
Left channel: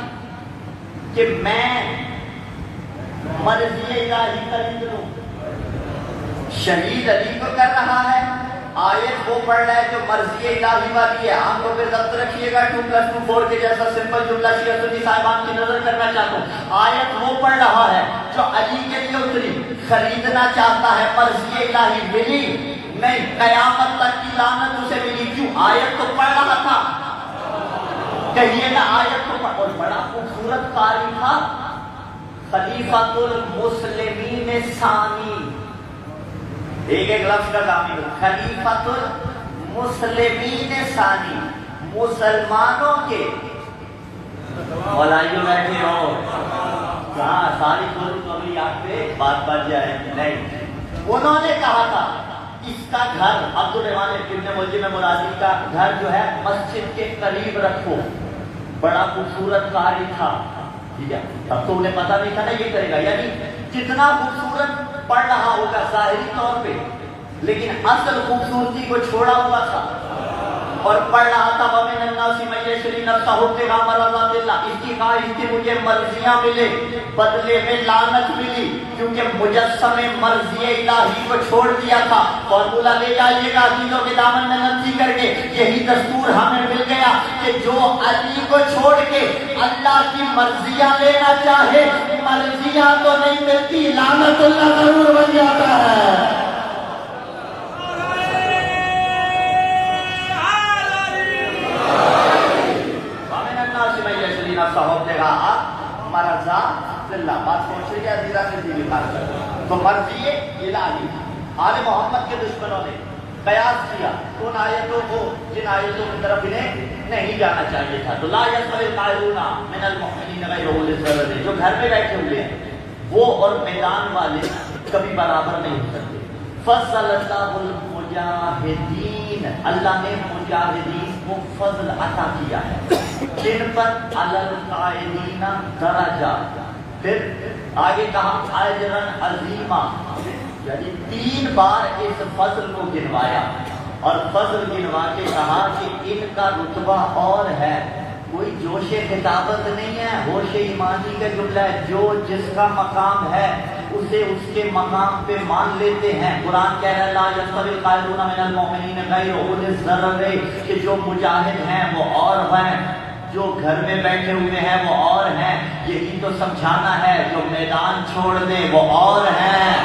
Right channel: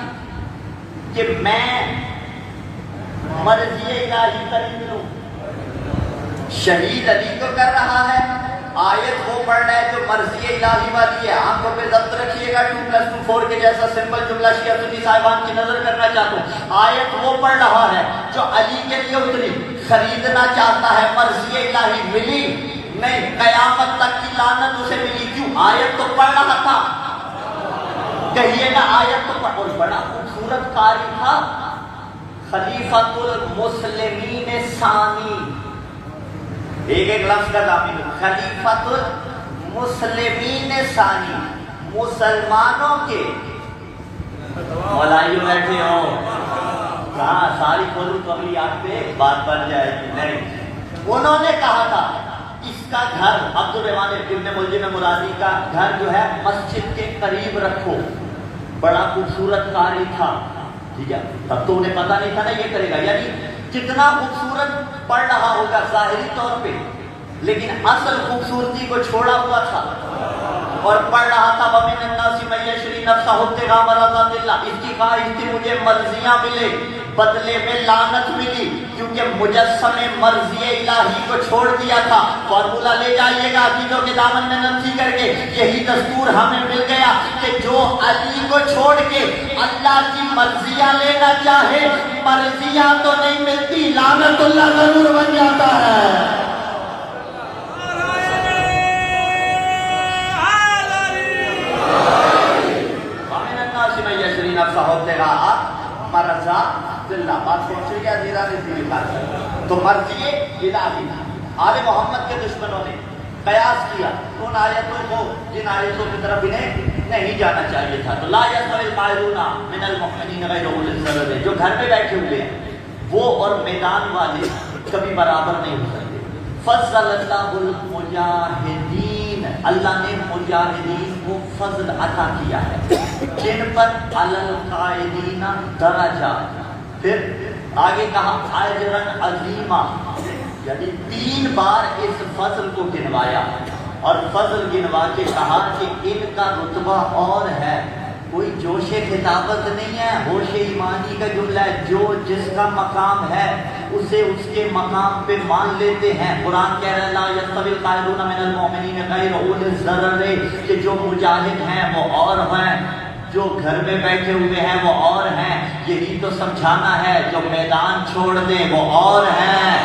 کہ میں مرضی الہی خرید لوں. شہید علی کو کر رہا ہے، آیت وہ پڑھ رہا ہے جو مرضی الہی والی ہے. آنکھوں پہ ضبط رکھیے گا. 2+2=4 کے جیسا سمپل جملہ شیعہ سنی صاحبان کی نظر کرنا چاہتا ہوں. آیت وہ پڑھ رہا ہے جو علی کے لیے اتری، خریدنا چاہتا ہے، مرضی الہی ملی نہیں، قیامت تک کی لعنت اسے ملی. کیوں؟ آیت تو پڑھ رہا تھا. کہیے گا آیت تو پڑھ، اور بڑا خوبصورت قاری تھا، خلیفۃ المسلمین ثانی. ایک ایک لفظ کا دامن، خلیفۃ المسلمین ثانی، مسلمانوں کے. مولائیوں بیٹھے ہو کہاں ساری قولیات پہ بات بن جائے گی؟ نہیں. انہوں نے کہا تھا اس کا گھر عبد الرحمن ابن ملجم مرادی کا گھر جو ہے مسجد کے قریب رکھو. بڑا خوبصورت قاری تھا. ٹھیک ہے، تب تو انہیں پتا نہیں تھا نا یہ کرے گا. یعنی کتنا خوبصورت پڑھ رہا ہوگا ظاہری طور پہ، لیکن اصل خوبصورتی کو چھوڑا ہوا تھا اور پڑھ رہا تھا وَمِنَ النَّاسِ مَن يَشْرِي نَفْسَهُ ابْتِغَاءَ مَرْضَاتِ اللَّهِ. اس کی خواہش تھی مجھے مرضیاں ملے، بدلے میں لعنت ملی، کیونکہ مجسم مرضی الہی کو چھوڑ دیا تھا. فارمولہ لے جائیے گا عزیزوں کے دامن میں ننسی کر کے. یہی دستور ہمیں مل گیا کہ جو علی کو چھوڑ کے اللہ کی مرضیاں لینا چاہے، مرضیاں تو نہیں ملتی، لعنت اللہ ضرور بن جاتا ہے. تو مرضی الہی. آل محمد کے دشمنوں نے قیاس کیا ان آیتوں کو جن آیتوں کی طرف انہیں نہیں جانا چاہیے تھا. تو لا يستوي القاعدون من المؤمنین غیر اولي الضرر، جو گھر میں بیٹھے ہوئے ہیں وہ اور میدان والے کبھی برابر نہیں ہو سکتے. فضل اللہ المجاہدین، اللہ نے مجاہدین کو فضل عطا کیا ہے جن پر علی القاعدین درجہ. پھر آگے کہا اجرن عظیمہ، یعنی 3 بار اس فضل کو گنوایا اور فضل گنوا کے کہا کہ ان کا رتبہ اور ہے. کوئی جوش خطابت نہیں ہے، ہوش ایمانی کا جملہ ہے. جو جس کا مقام ہے اسے اس کے مقام پہ مان لیتے ہیں. قرآن کہہ رہا ہے لا يستوي القاعدون من المؤمنین غیر اولي الضرر، کہ جو مجاہد ہیں وہ اور ہیں، جو گھر میں بیٹھے ہوئے ہیں وہ اور ہیں. یہی تو سمجھانا ہے. جو میدان چھوڑ دیں وہ اور ہیں،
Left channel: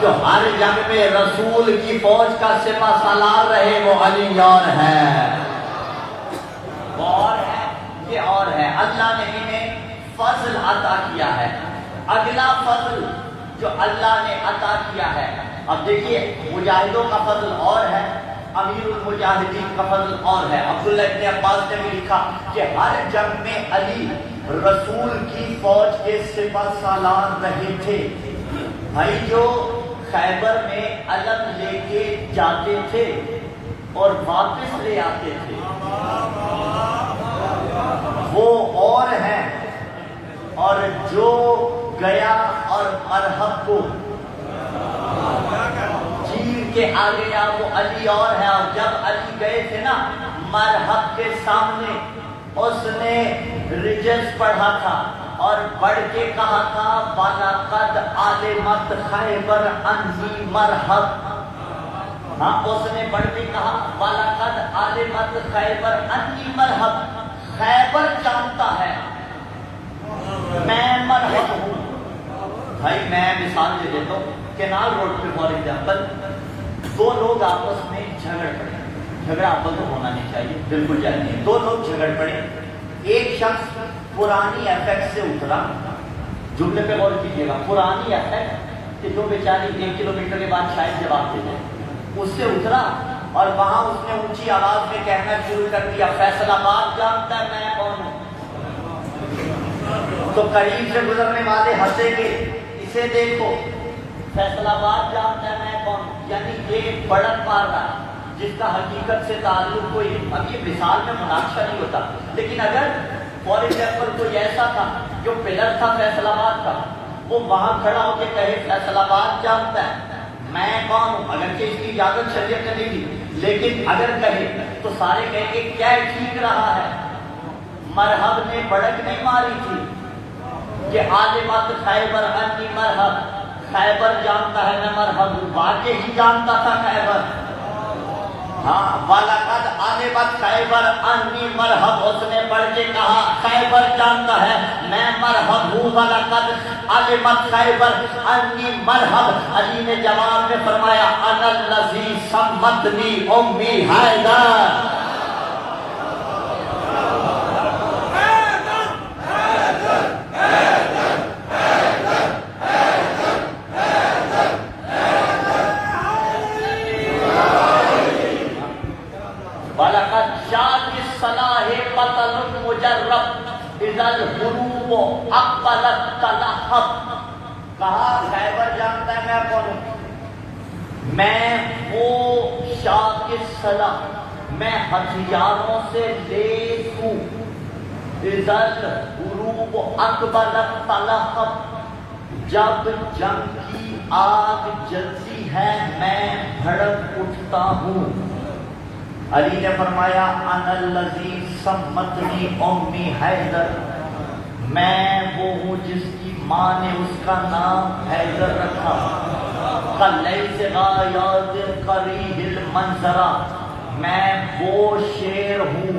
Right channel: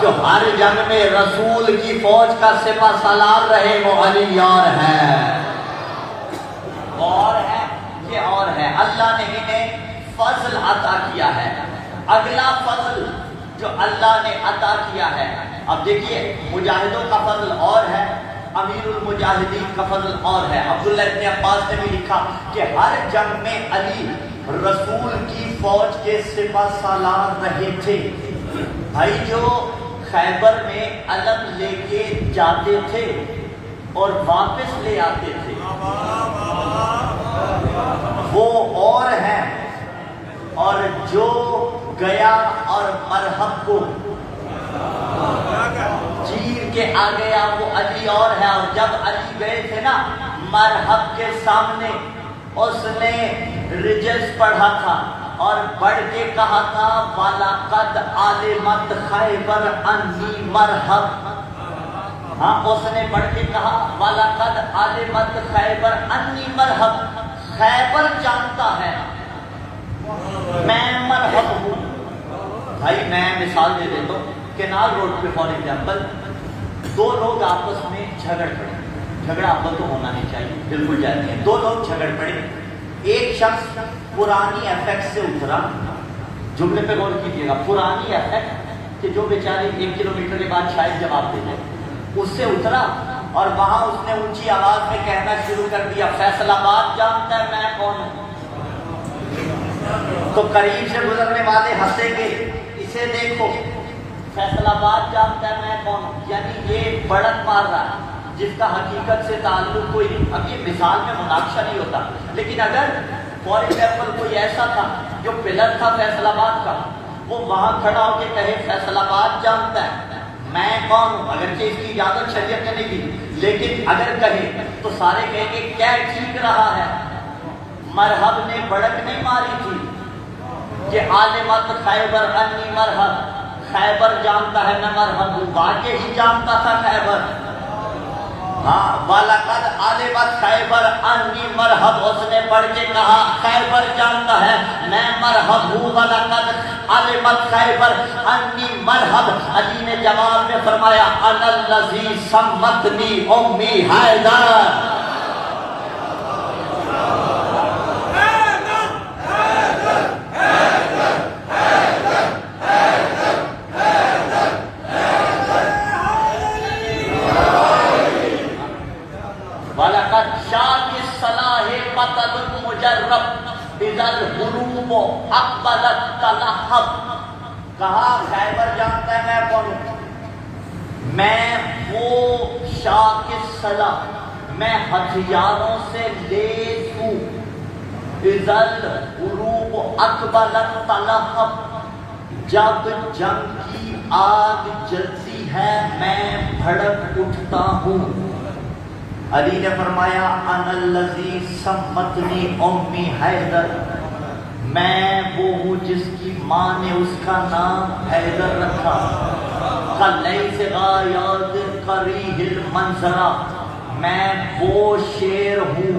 جو ہر جنگ میں رسول کی فوج کا سپہ سالار رہے وہ علی اور ہیں. وہ اور ہے، یہ اور ہے. اللہ نے انہیں فضل عطا کیا ہے. اگلا فضل جو اللہ نے عطا کیا ہے، اب دیکھیے مجاہدوں کا فضل اور ہے، امیر المجاہدین کا فضل اور ہے. عبداللہ ابن عباس نے بھی لکھا کہ ہر جنگ میں علی رسول کی فوج کے سپہ سالار رہے تھے. بھائی جو خیبر میں علم لے کے جاتے تھے اور واپس لے آتے تھے وہ اور ہیں، اور جو گیا اور مرحب کو چیر کے آ گیا وہ علی اور ہے. اور جب علی گئے تھے نا مرحب کے سامنے، اس نے رجز پڑھا تھا اور پڑھ کے کہا تھا وَلَقَدْ عَلِمَتْ خَيْبَرْ أَنِّي مَرْحَبْ. ہاں اس نے پڑھ کے کہا وَلَقَدْ عَلِمَتْ خَيْبَرْ أَنِّي مَرْحَبْ. خیبر جانتا ہے میں مرحب ہوں. بھائی میں مثال دے دیتا ہوں. کینال روڈ پہ فار ایگزامپل 2 لوگ آپس میں جھگڑ پڑے. جھگڑا آپس میں ہونا نہیں چاہیے، بالکل جائز نہیں. 2 لوگ جھگڑ پڑے. ایک شخص پرانی افیکٹ سے اترا. جملے پہ غور کیجیے گا. پرانی افیکٹ کہ جو بیچاری 1 کلومیٹر کے بعد شاید جواب دے دے، اس سے اترا اور وہاں اس نے اونچی آواز میں کہنا شروع کر دیا فیصل آباد جانتا ہے میں کون ہوں. تو قریب سے گزرنے والے ہنسیں گے، اسے دیکھو فیصل آباد جانتا ہے میں کون ہوں. یعنی یہ بڑھت مار رہا ہے جس کا حقیقت سے تعلق کوئی. اب یہ مثال میں مناقشہ نہیں ہوتا، لیکن اگر فار ایگزامپل کوئی ایسا تھا جو پلر تھا فیصل آباد کا، وہ وہاں کھڑا ہو کے کہے فیصل آباد جانتا ہے میں کون ہوں؟ اگرچہ اس کی اجازت شریعت نے نہیں دی، لیکن اگر کہے تو سارے کہیں گے کیا ٹھیک رہا ہے؟ مرحب نے بڑک نہیں ماری تھی کہ عالمت خیبر انی مرحب، خیبر جانتا ہے میں مرحب ہوں، تاکہ ہی جانتا تھا خیبر. ہاں وَلَقَدْ عَلِمَتْ خیبر انی مرحب، اس نے پڑھ کے کہا خیبر جانتا ہے میں مرحب ہوں. وَلَقَدْ عَلِمَتْ خیبر انی مرحب. علی نے جواب میں فرمایا انا الذی سمتنی امی حیدر. کہا خیبر جانتا ہے میں کون ہوں؟ میں وہ شاہ کے صلاح، میں ہتھیاروں سے لیس ہوں. اذل غروب اقبلت تلہب، جب جنگ کی آگ جلتی ہے میں بھڑک اٹھتا ہوں. علی نے فرمایا انا الذی سمتنی امی حیدر، میں وہ ہوں جس کی ماں نے اس کا نام حیدر رکھا. کلیس غایات قریح المنظرہ، میں وہ شیر ہوں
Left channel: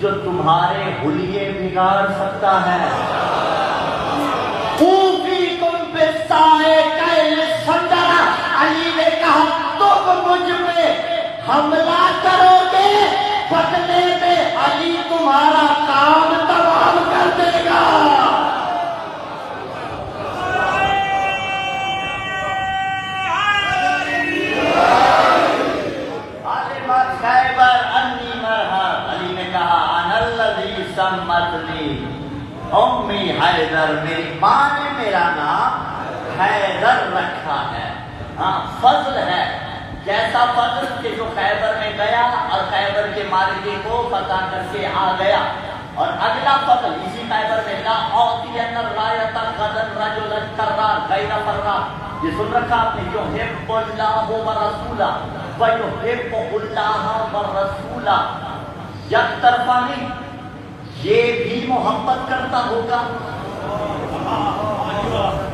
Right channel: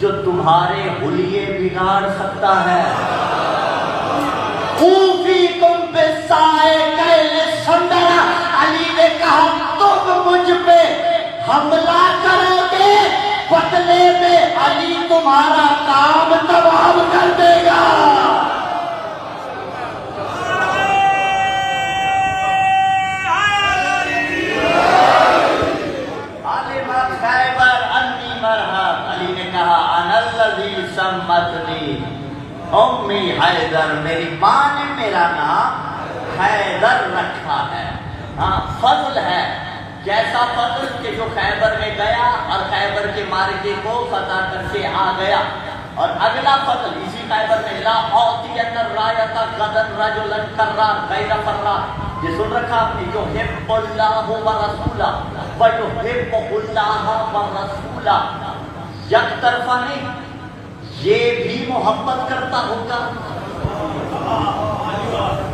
جو تمہارے حلیے بگاڑ سکتا ہے. خوفیکم بسائے کیل سندرہ، علی نے کہا تم مجھ پہ حملہ کرو گے، بدلے میں علی تمہارا کام تمام کر دے گا. امی حیدر، میری ماں نے میرا نام حیدر رکھا ہے. ہاں فضل ہے، جیسا فضل کہ جو خیبر میں گیا اور خیبر کے مارکے کو فتح کر کے آ گیا. اور اگلا فضل اسی خیبر میں لا اعطین الرایۃ غدا رجلا کرا غیر فرا، یہ سن رکھا آپ نے، یحب اللہ ورسولہ ویحب اللہ ورسولہ. یک طرفہ نہیں، یہ بھی محبت کرتا ہوگا،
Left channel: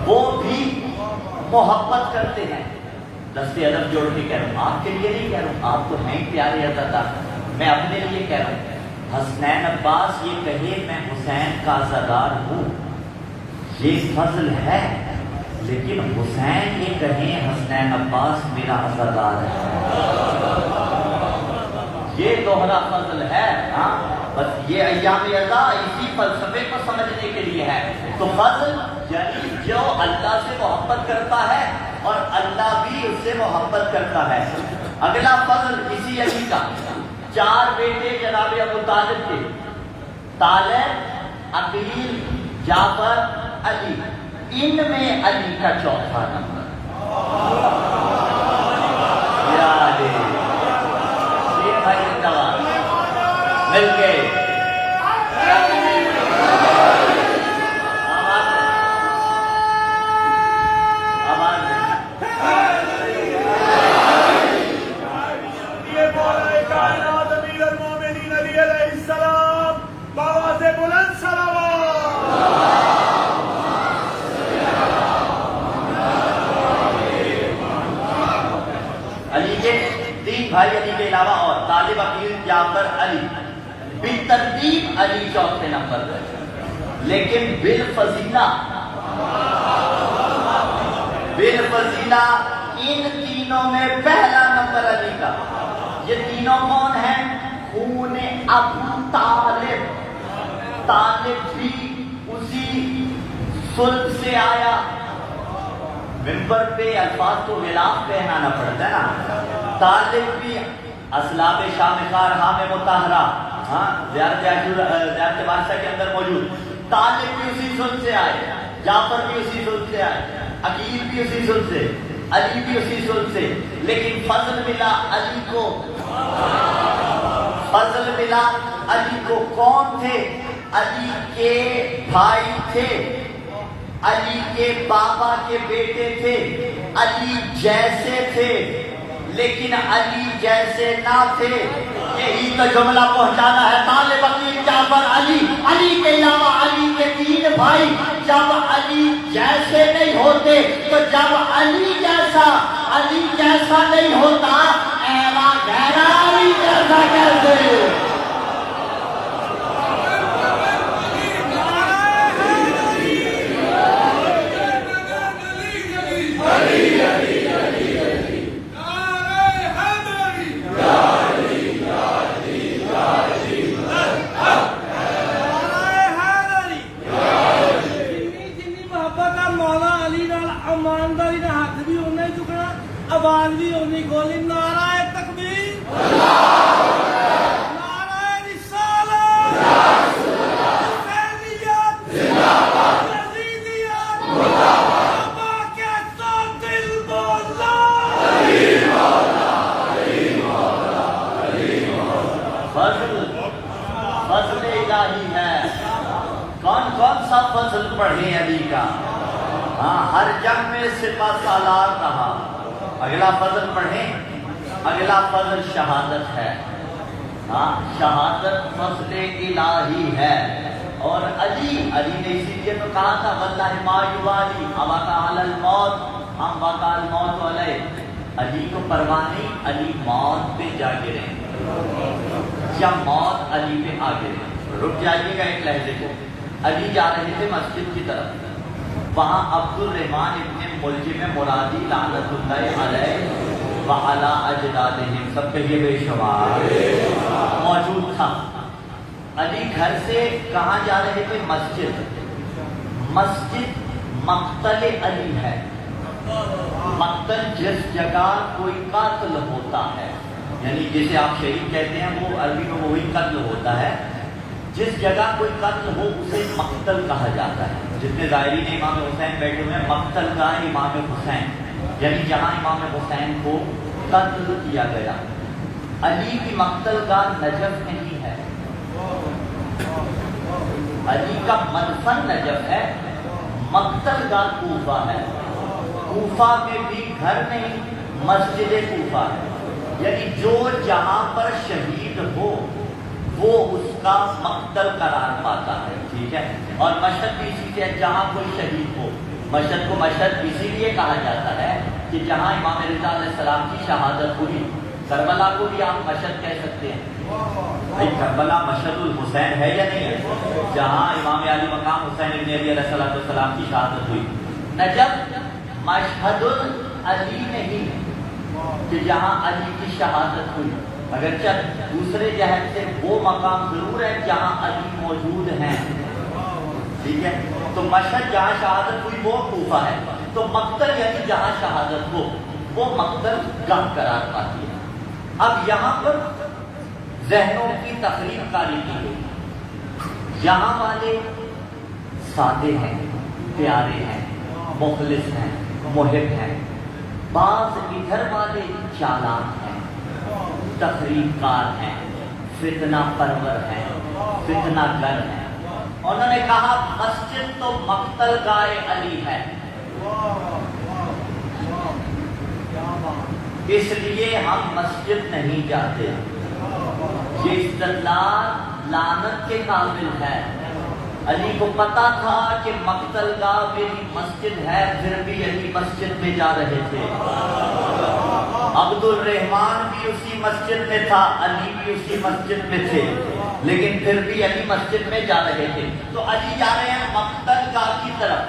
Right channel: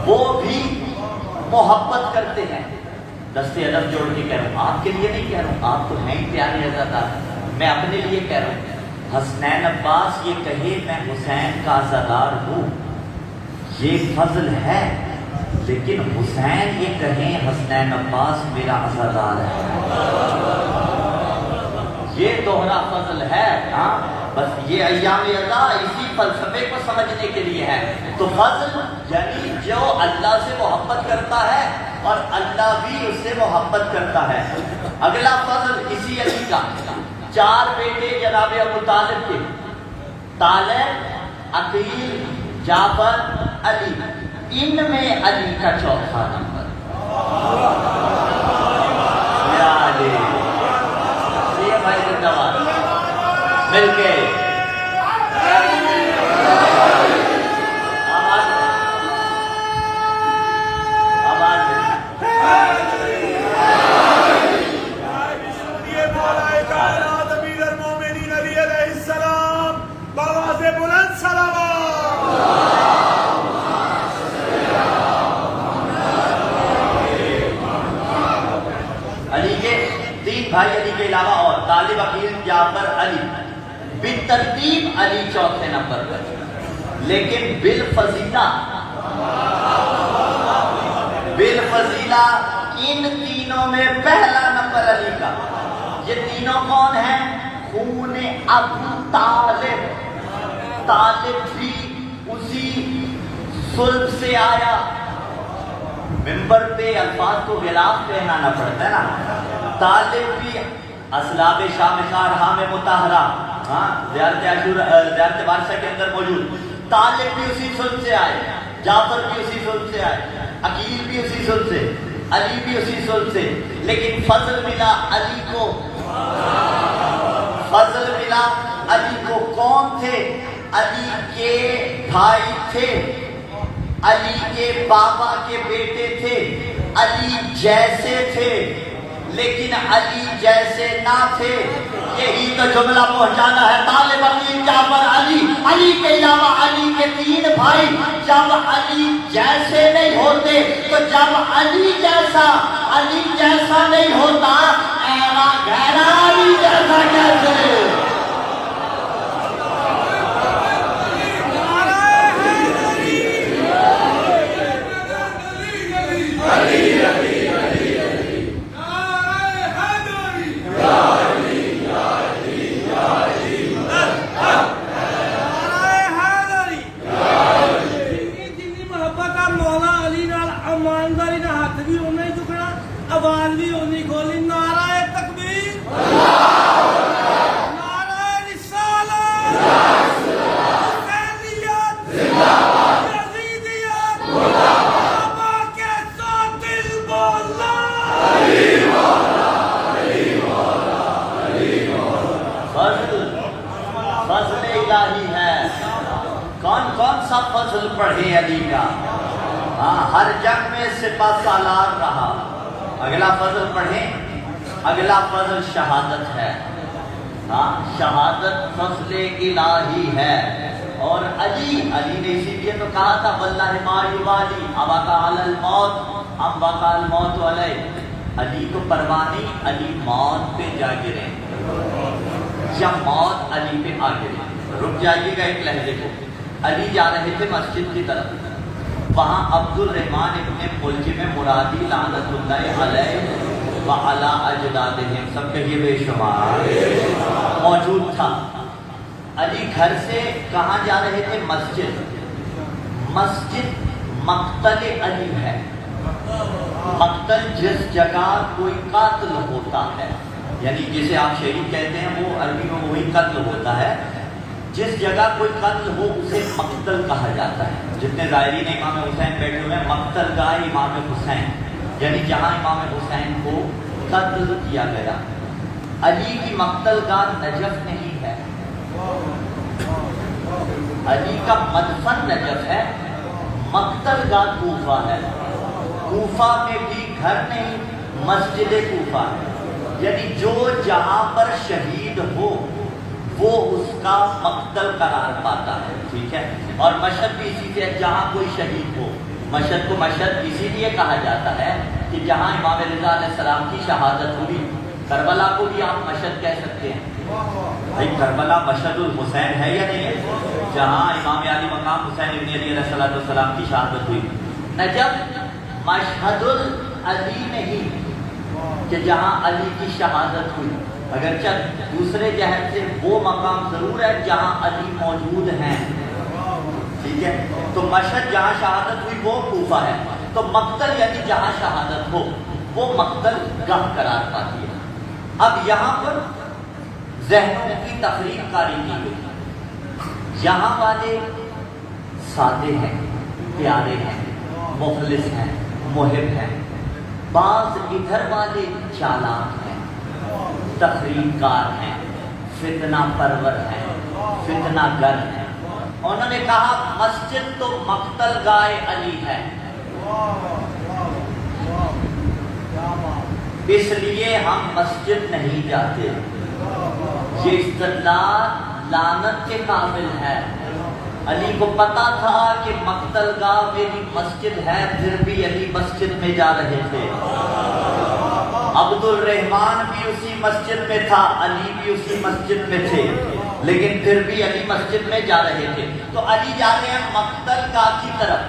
وہ بھی محبت کرتے ہیں. دستے ادب جوڑ کے کہہ رہا ہوں، آپ کے لیے نہیں کہہ رہا ہوں، آپ تو نہیں پیارے عزادہ، میں اپنے لیے کہہ رہا ہوں. حسنین عباس یہ کہے میں حسین کا عزادار ہوں، یہ فضل ہے. لیکن حسین یہ کہیں حسنین عباس میرا عزادار ہے، یہ دوہرا فضل ہے. ہاں بس یہ ایام رضا اسی فلسفے کو سمجھنے کے لیے ہے. تو فضل یعنی جو اللہ سے محبت کرتا ہے اور اللہ بھی اس سے محبت کرتا ہے. اگلا فضل اسی علی کا، 4 بیٹے جناب ابو طالب کے، طالب، عقیل، جعفر، علی. ان میں علی کا چوتھا نمبر. یہ بھائی مل کے بھائی علی کے علاوہ اور طالب، عقیل، جعفر، علی. بالترتیب علی چوتھے نمبر پر، لیکن بالفضیلہ ان تینوں میں پہلا نمبر علی کا. یہ تینوں کون ہیں؟ خون ابو طالب. طالب بھی اسی صلب سے آیا. ممبر پہ الفاظ کو غلاف پہنانا پڑتا ہے نا. طالب بھی اسلاب شامخار ہاں میں مطالعہ، ہاں زیارت بادشاہ کے اندر موجود. طالب بھی اسی صلب سے آئے، جعفر بھی اسی صلب سے آئے، عقیل بھی اسی صلب سے، علی بھی اسی صلب سے. لیکن فضل ملا علی کو، فضل ملا علی کو. کون تھے؟ علی کے بھائی تھے، علی کے بابا کے بیٹے تھے، علی جیسے تھے لیکن علی جیسے نہ تھے. یہی تو جملہ پہنچانا ہے طالب علم جعفر علی. علی کے علاوہ علی کے تین بھائی جب علی جیسے نہیں ہوتے تو جب علی جیسا نہیں ہوتا غیر علی جیسا کیسے؟ آواز بھی ہونی کھولی. نعرہ تکبیر، نعرہ رسالت، حسینیت، یزیدیت، بابا کے قاتل مولا. فضل الہی ہے. کون سا فضل پڑھے علی کا؟ ہاں، ہر جنگ میں سپہ سالار رہا. اگلا فضل پڑھیں. اگلا فضل شہادت ہے. ہاں، شہادت فضل الہی ہے. اور علی نے اسی لیے تو کہا تھا واللہ ما یبالی اوقع علی الموت ام وقع الموت علیہ. علی کو پرواہ نہیں، علی موت پہ جا گرے یا موت علی پہ آ گرے. رک جائیے گا ایک لحظے کو. علی جا رہے تھے مسجد کی طرف. وہاں عبد الرحمن ابن ملجم مرادی لعنت اللہ علیہ وعلی اجدادہم سب کہیے بے شمار موجود تھا. علی گھر سے کہاں جا رہے تھے؟ مسجد مقتل علی ہے. مقتل جس جگہ کوئی قاتل ہوتا ہے، یعنی جسے آپ شہید کہتے ہیں وہ عربی میں وہی قتل ہوتا ہے. جس جگہ کوئی قتل ہو اسے مقتل کہا جاتا ہے. جتنے ظاہرین امام حسین بیٹھے ہوئے ہیں، مقتل گاہ امام حسین، یعنی جہاں امام حسین کو قتل کیا گیا. علی کی مقتل گاہ نجف نہیں ہے، علی کا مدفن نجف ہے. مقتل گاہ کوفہ ہے. کوفہ میں بھی گھر نہیں، مسجد کوفہ ہے. یعنی جو جہاں پر شہید ہو وہ اس کا مقتل قرار پاتا ہے. ٹھیک ہے. اور مشہد بھی اسی سے جہاں کوئی شہید ہو. مشہد کو مشہد اسی لیے کہا جاتا ہے کہ جہاں امام رضا علیہ السلام کی شہادت ہوئی. کربلا کو بھی آپ مشہد کہہ سکتے ہیں. بھائی کربلا مشہد الحسین ہے یا نہیں ہے؟ جہاں امام علی مقام حسین ابن علی علیہ السلام کی شہادت ہوئی. نجف مشہد العلی نہیں کہ جہاں علی کی شہادت ہوئی. اگرچہ دوسرے جہت سے وہ مقام ضرور ہے جہاں علی موجود ہیں. ٹھیک ہے. تو مشہد جہاں شہادت ہوئی وہ کوفہ ہے. تو مقتل یعنی جہاں شہادت ہو وہ مقتل گاہ قرار پاتی ہے. اب یہاں پر ذہنوں کی تفریق کاری کی گئی. یہاں والے سادے ہیں، پیارے ہیں، مخلص ہیں، محب ہیں. بعض ادھر والے چالاک ہیں، تفریق کار ہیں، فتنہ پرور ہیں، فتنہ گر ہیں. انہوں نے کہا مسجد تو مقتل گاہ علی ہے، اس لیے ہم مسجد نہیں جاتے. یہ استدلال لعنت کے قابل ہے. علی کو پتا تھا کہ مقتل گاہ میری مسجد ہے، پھر بھی علی مسجد میں جا رہے تھے. عبد الرحمن بھی اسی مسجد میں تھا، علی بھی اسی مسجد میں تھے، لیکن پھر بھی علی مسجد میں جا رہے تھے. تو علی جا رہے ہیں مقتل گاہ کی طرف.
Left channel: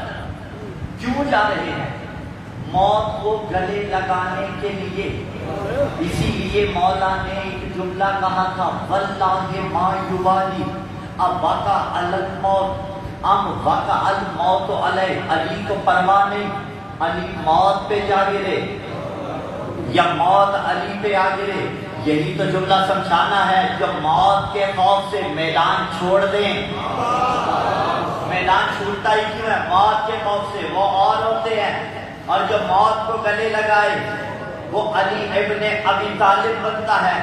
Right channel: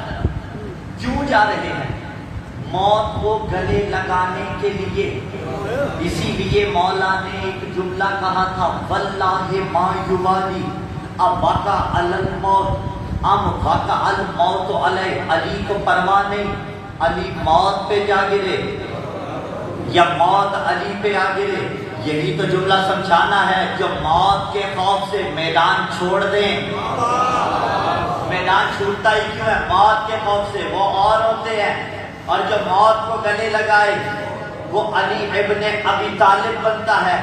کیوں جا رہے ہیں؟ موت کو گلے لگانے کے لیے. اسی لیے مولا نے ایک جملہ کہا تھا واللہ ما یوالی اوقع علی الموت ام وقع الموت علیہ. علی کو پرواہ نہیں، علی موت پہ جا گرے یا موت علی پہ آ گرے. یہی تو جملہ سمجھانا ہے. جو موت کے خوف سے میدان چھوڑ دیں، میدان چھوٹتا ہی کیوں ہے؟ موت کے خوف سے. وہ اور ہوتے ہیں. اور جو موت کو گلے لگائے وہ علی ابن ابی طالب بنتا ہے.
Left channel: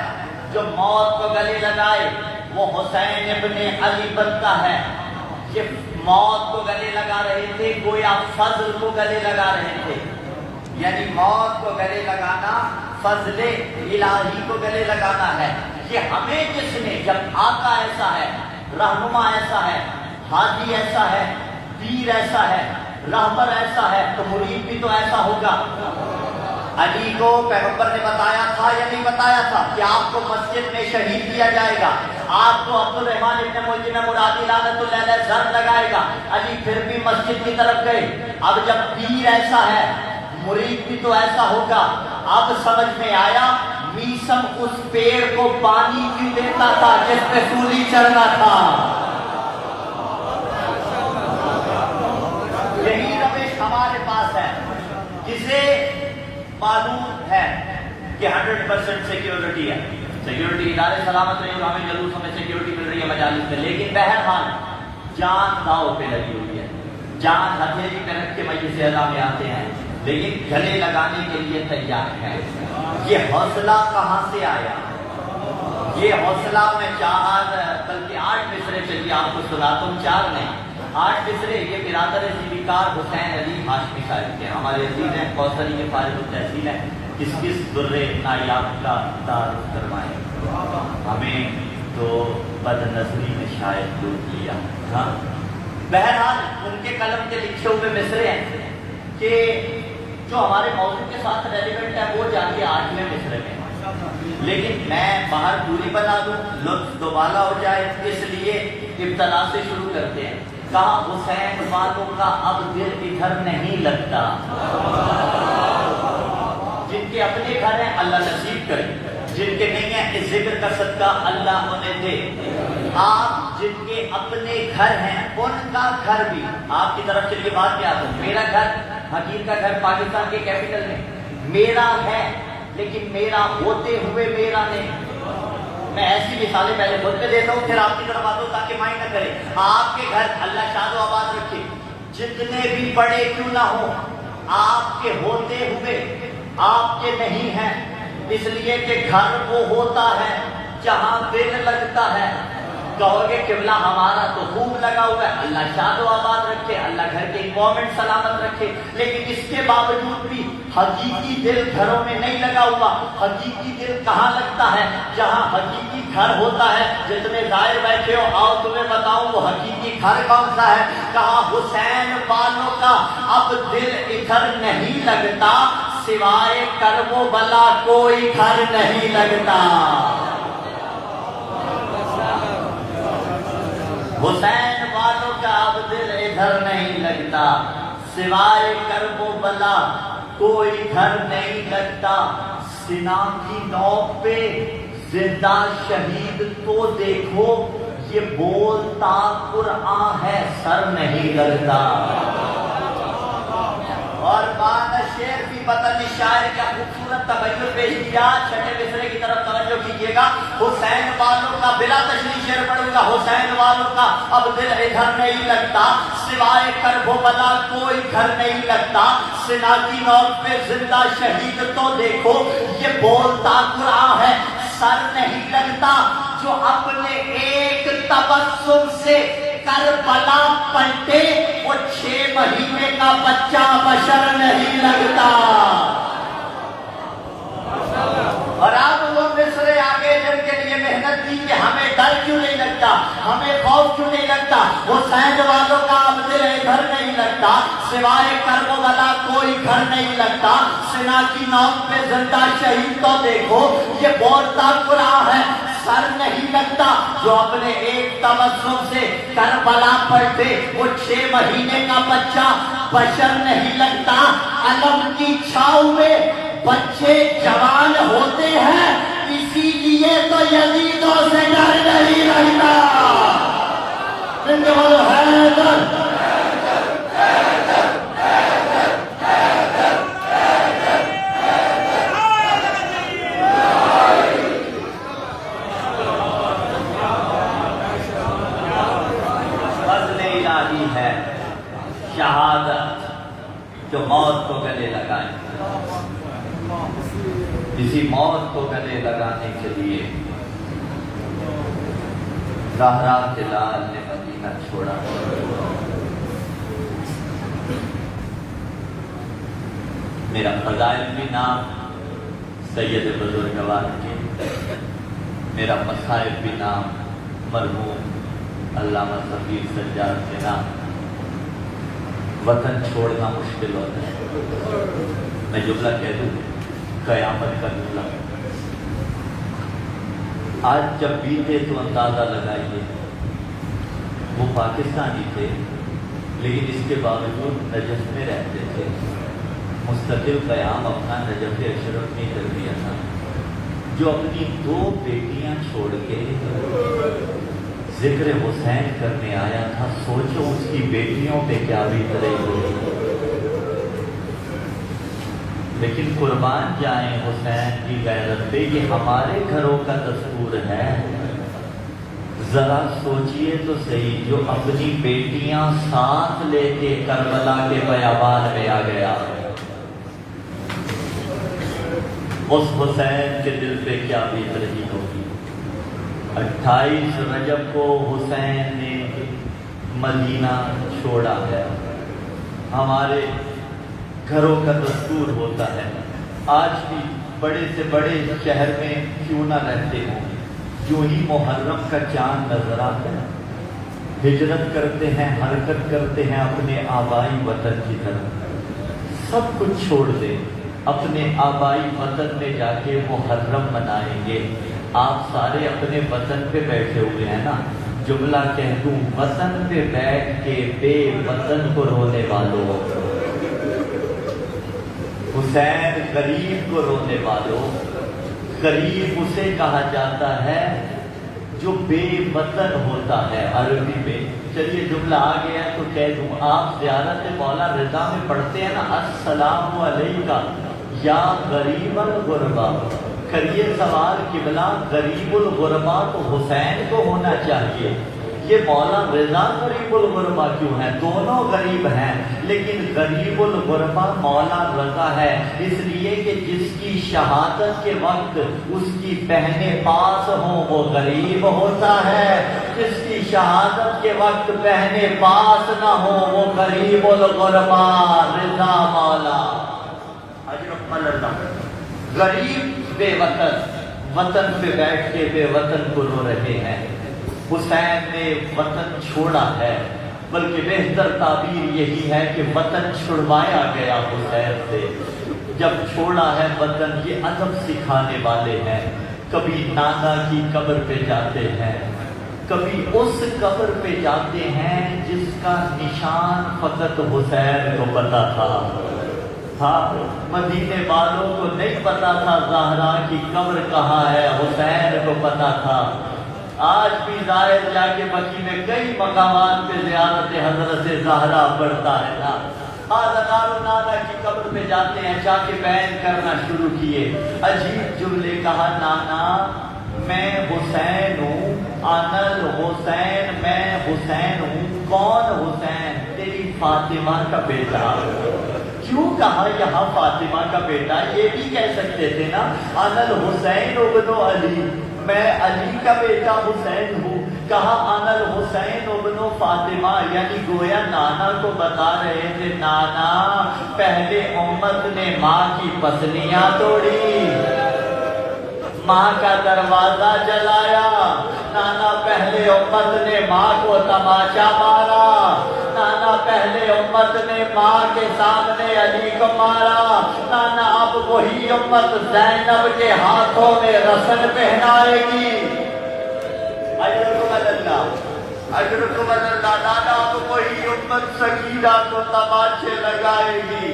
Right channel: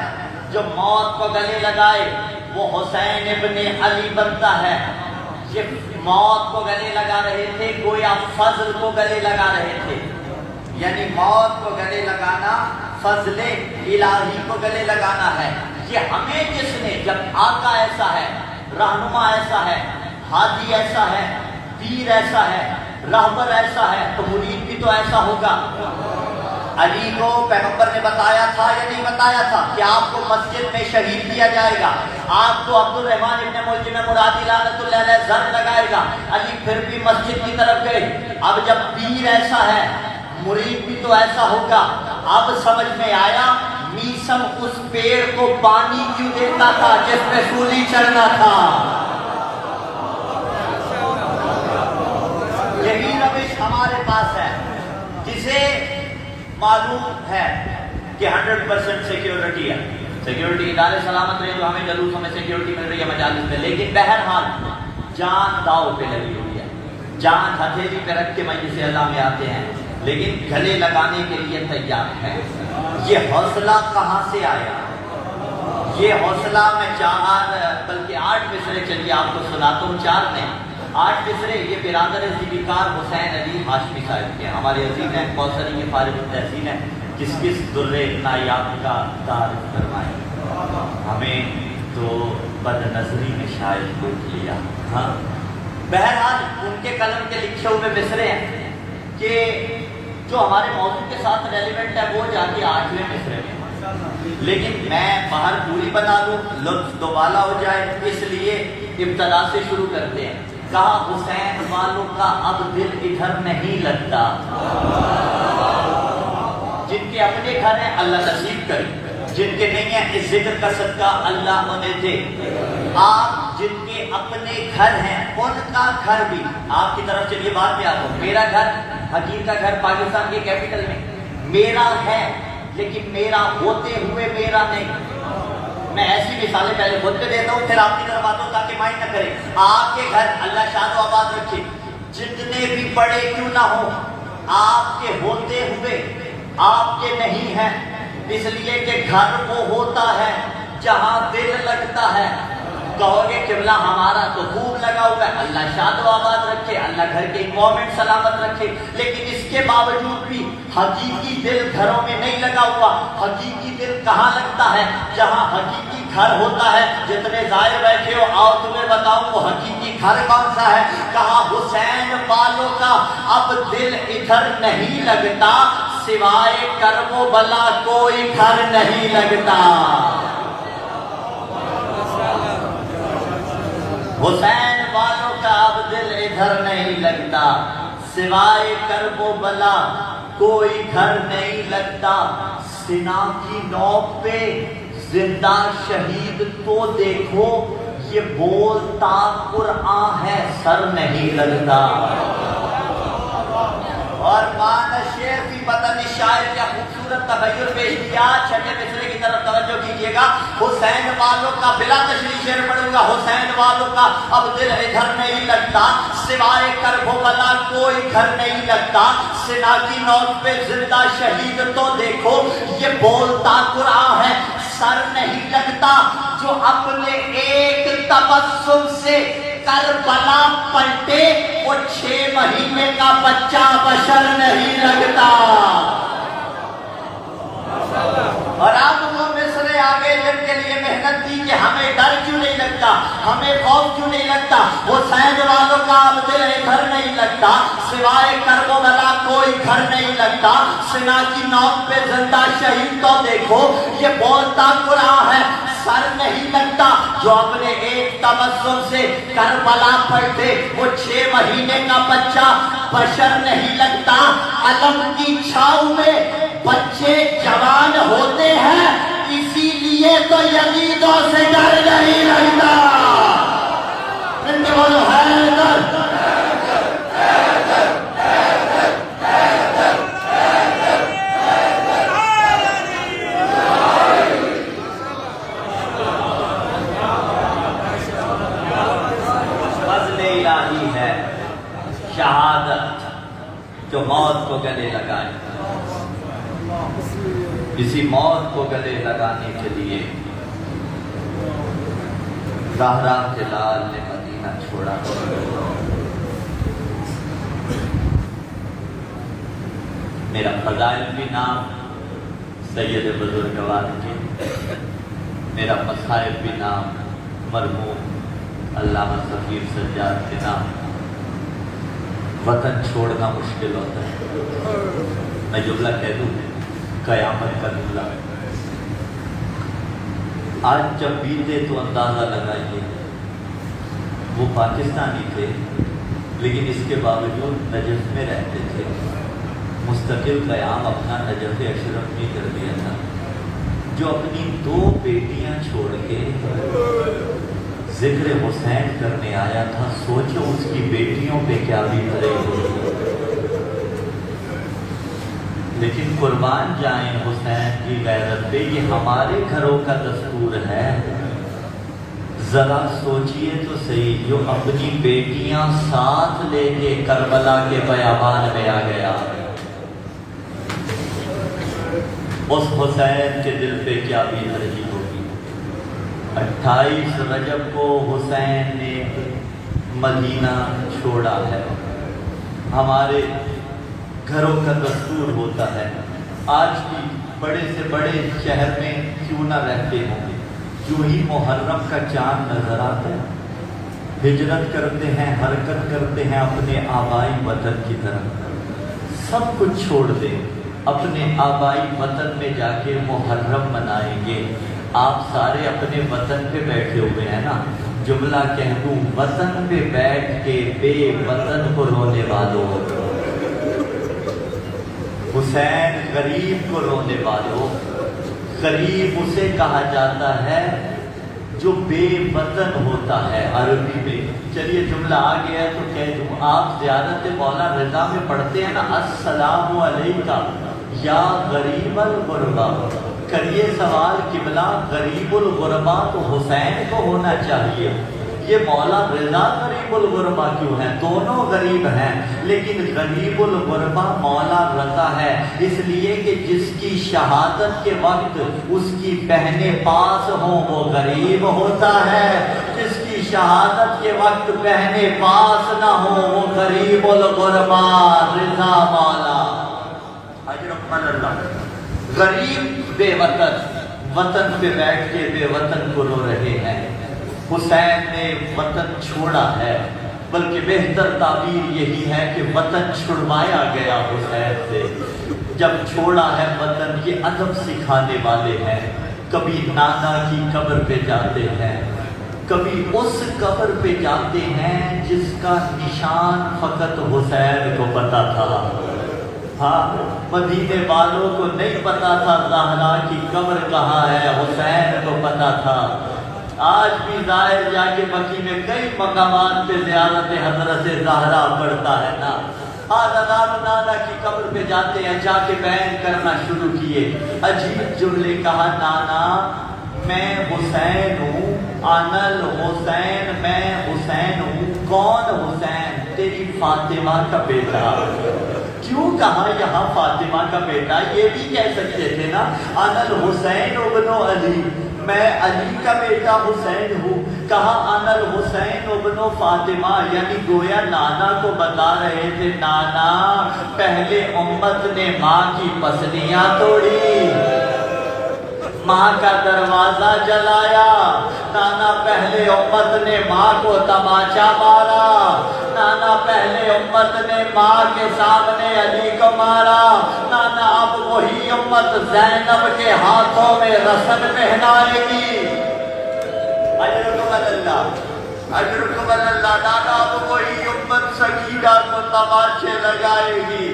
جو موت کو گلے لگائے وہ حسین ابن علی بنتا ہے. یہ موت کو گلے لگا رہے تھے، گویا فضل کو گلے لگا رہے تھے. یعنی موت کو گلے لگانا فضل الہی کو گلے لگانا ہے. یہ ہمیں جس نے, جب آقا ایسا ہے, رہنما ایسا ہے, ہادی ایسا ہے, پیر ایسا ہے, رہبر ایسا ہے, تو مرید بھی تو ایسا ہوگا. علی کو پیغمبر نے بتایا تھا یا نہیں بتایا تھا کہ آپ کو مسجد میں شہید کیا جائے گا, آپ کو عبد الرحمن ابن ملجم مرادی لعنت اللہ علیہ زر لگائے گا. علی پھر بھی مسجد کی طرف گئے. اب جب پیر ایسا ہے, مرید بھی تو ایسا ہوگا. اب سمجھ میں آیا میسم اس پیڑ کو پانی کیوں دیتا تھا جس پہ سولی چڑھنا تھا. یہی روش ہمارے پاس ہے. جسے معلوم ہے کہ 100% سیکیورٹی ہے, سیکیورٹی ادارے سلامت رہے, تو ہمیں جلوسوں میں سیکیورٹی مل رہی ہے مجالس میں, لیکن بہرحال جان داؤ پہ لگی ہوئی ہے, جان ہتھیلی پہ رکھ کے مجلس اعلیٰ میں آتے ہیں, لیکن گلے لگانے کے لیے تیار ہے. یہ حوصلہ کہاں سے آیا؟ یہ حوصلہ میں 4 بلکہ 8 مصرے چلیے آپ کو سناتا ہوں. 4 نہیں 8 مصرے. یہ برادر ذوالفقار حسین علی ہاشمی صاحب کے, ہمارے عزیز ہیں, کوثری کے فارغ التحصیل ہیں. کس کس درے نایاب کا تعارف کروائیں. ہمیں تو بد نظری نے شاید لوٹ لیا. ہاں بہرحال ان کے قلم کے لکھے ہوئے مصرے ہیں کہ جو ہمارے موضوع کے ساتھ ریلیونٹ ہے وہ جا کے 8ویں مصرے میں. لیکن میں باہر پوری بتا دوں, لطف دوبالا ہو جائے, اس لیے ابتدا سے شروع کرتے ہیں. کہا حسین والوں کا اب دل ادھر نہیں لگتا. جن کے اپنے گھر ہیں اللہ نصیب کرے, جن کے نہیں ہیں اس ذکر کا صدقہ اللہ ہونے دے. آپ جن کے اپنے گھر ہیں ان کا گھر بھی آپ کی طرف چلیے بات میں آتا ہوں. میرا گھر, حکیم کا گھر پاکستان کے کیپٹل میں میرا ہے, لیکن میرا ہوتے ہوئے میرا نہیں. میں ایسی مثالیں پہلے خود پہ دیتا ہوں, پھر آپ کی طرف آتا ہوں تاکہ مائنڈ نہ کرے. آپ کے گھر اللہ شاد و آباد رکھے, جتنے بھی بڑے کیوں نہ ہوں, آپ کے ہوتے ہوئے آپ کے نہیں ہیں. اس لیے کہ گھر وہ ہوتا ہے جہاں دل لگتا ہے. کہو گے قبلہ ہمارا تو خوب لگا ہوا ہے, اللہ شاد و آباد رکھے, اللہ گھر کے انوائرمنٹ سلامت رکھے. لیکن اس کے باوجود بھی حقیقی دل گھروں میں نہیں لگا ہوا. حقیقی دل کہاں لگتا ہے؟ جہاں حقیقی گھر ہوتا ہے. جتنے ظاہر بیٹھے ہو آؤ تمہیں بتاؤں وہ حقیقی گھر کون سا ہے. کہا حسین والوں کا اب دل ادھر نہیں لگتا, سوائے کرب و بلا کوئی گھر نہیں لگتا. حسین والوں کا اب دل ادھر نہیں لگتا, سوائے کرب و بلا کوئی گھر نہیں لگتا. سنا کی نوک پہ زندہ شہید کو دیکھو, یہ بولتا قرآن ہے سر نہیں لگتا. اور مانا شعر بھی پتہ نہیں شاعر کیا خوبصورت تبیر پیش کیا. 6 مصرے کی طرف توجہ کیجیے گا. حسین والوں کا بلا تشریح شعر پڑھوں گا. حسین والوں کا اب دل ادھر نہیں لگتا, سوائے کرب و بلا کوئی گھر نہیں لگتا. سنا کی نوک پہ زندہ شہید تو دیکھو, یہ بولتا قرآن ہے سر نہیں لگتا. جو اپنے ایک تبسم سے کربلا پلٹے, وہ 6 مہینے کا بچہ بشر نہیں لگتا. اور آپ وہ مصرے آگے جن کے لیے محنت کی کہ ہمیں ڈر کیوں نہیں لگتا, ہمیں خوف کیوں نہیں لگتا. حسین والوں کا اب دل گھر نہیں لگتا, سوائے کرب و بلا کوئی گھر نہیں لگتا. سنا کی نوک پہ زندہ شہید تو دیکھو, یہ بولتا قرآن ہے سر نہیں لگتا. جو اپنے ایک تبسم سے کربلا پڑھتے, وہ 6 مہینے کا بچہ بشر نہیں لگتا. علم کی چھاؤں میں بچے جوان ہوتے ہیں, اسی لیے تو یزیدوں سے ڈر نہیں لگتا. شہادت جو موت کو گلے لگائے, اسی موت کو گلے لگانے کے لیے زہرا کے لال نے مدینہ چھوڑا. میرا فضائل بھی نام سید بزرگوار کے، میرا مصارف بھی نام مرحوم علامہ سفیر سجاد کے نام۔ وطن چھوڑنا مشکل ہوتا ہے، میں جملہ کہہ دوں، قیامت کا جملہ۔ آج جب بیتے تو اندازہ لگائیے، وہ پاکستانی تھے لیکن اس کے باوجود نجف میں رہتے تھے، مستقل قیام اپنا نجف اشرف میں کر دیا تھا، جو اپنی 2 بیٹیاں چھوڑ کے ذکر حسین کرنے آیا تھا۔ سوچو اس کی بیٹیوں پہ کیا بیت رہی ہو، لیکن قربان جائیں حسین کی غیرت پہ، یہ ہمارے گھروں کا دستور ہے۔ ذرا سوچئے تو صحیح، جو اپنی بیٹیاں ساتھ لے کے کربلا کے بیابان میں آ گیا، اس حسین کے دل پہ کیا بیت رہی ہوگی۔ 28 رجب کو حسین نے مدینہ چھوڑا ہے۔ ہمارے گھروں کا دستور ہوتا ہے، آج بھی بڑے سے بڑے شہر میں کیوں نہ رہتے ہوں، جو ہی محرم کا چاند نظر آتا ہے ہجرت کرتے ہیں، حرکت کرتے ہیں اپنے آبائی وطن کی طرف۔ سب کچھ چھوڑ دیں، اپنے آبائی وطن میں جا کے محرم منائیں گے۔ آپ سارے اپنے وطن پہ بیٹھے ہوئے ہیں نا، جملہ کہہ دوں، وطن پہ بیٹھ کے بے وطن کو رونے والوں، حسین غریب کو رونے والوں، غریب اسے کہا جاتا ہے جو بے وطن ہوتا ہے عربی میں۔ چلیے جملہ آ گیا تو کہہ دوں، آپ زیارت مولا رضا میں پڑھتے ہیں نا، السلام علیکہ یا غریب الغربا، کریے سوال قبلہ، غریب الغربا تو حسین کو ہونا چاہیے، یہ مولا رضا غریب الغربا کیوں ہے؟ دونوں غریب ہیں، لیکن غریب الغربا مولا رضا ہے، اس لیے کہ جس کی شہادت کے وقت اس کی بہنیں پاس ہوں وہ غریب ہوتا ہے، جس کی شہادت کے وقت بہنیں پاس نہ ہوں وہ غریب الغربا رضا مولا۔ غریب بے وطن، وطن پہ بیٹھ کے بے وطن کو رو رہے ہیں۔ حسین نے وطن چھوڑا ہے، بلکہ بہتر تعبیر یہی ہے کہ وطن چھڑوایا گیا حسین سے۔ جب چھوڑا ہے وطن، یہ ادب سکھانے والے ہیں۔ کبھی نانا کی قبر پہ جاتے ہیں، کبھی اس قبر پہ جاتے ہیں جس کا نشان فقط حسین کو پتا تھا۔ ہاں، مدینے والوں کو نہیں پتا تھا زہرا کی قبر کہاں ہے، حسین کو پتا تھا۔ آج بھی زائر جا کے بقی میں کئی مقامات پہ زیارت حضرت زہرا پڑھتا ہے نا، نانا کی قبر پہ جاتے ہیں، جا کے بیان کرنا شروع کیے، عجیب جملے کہا، نانا میں حسین ہوں، انل حسین، میں حسین ہوں۔ کون حسین؟ تیری فاطمہ کا بیٹا۔ کیوں کہا یہاں فاطمہ کا بیٹا؟ یہ بھی کہہ سکتے تھے نا، انل حسین ابن علی، میں علی کا بیٹا حسین ہوں۔ کہا انل حسین ابن فاطمہ، یعنی گویا نانا کو بتا رہے تھے، نانا پہلے امت نے ماں کی پسلیاں توڑی، ماں کا دروازہ جلایا، نانا پہلے امت نے ماں کو تماچا مارا، نانا پہلے امت نے ماں کے سامنے علی کو مارا، نانا اب وہی امت زینب کے ہاتھوں میں رسن پہنائے گی۔ اجرکم اللہ، نانا اب وہی امت سکینہ کو تماچے لگائے گی۔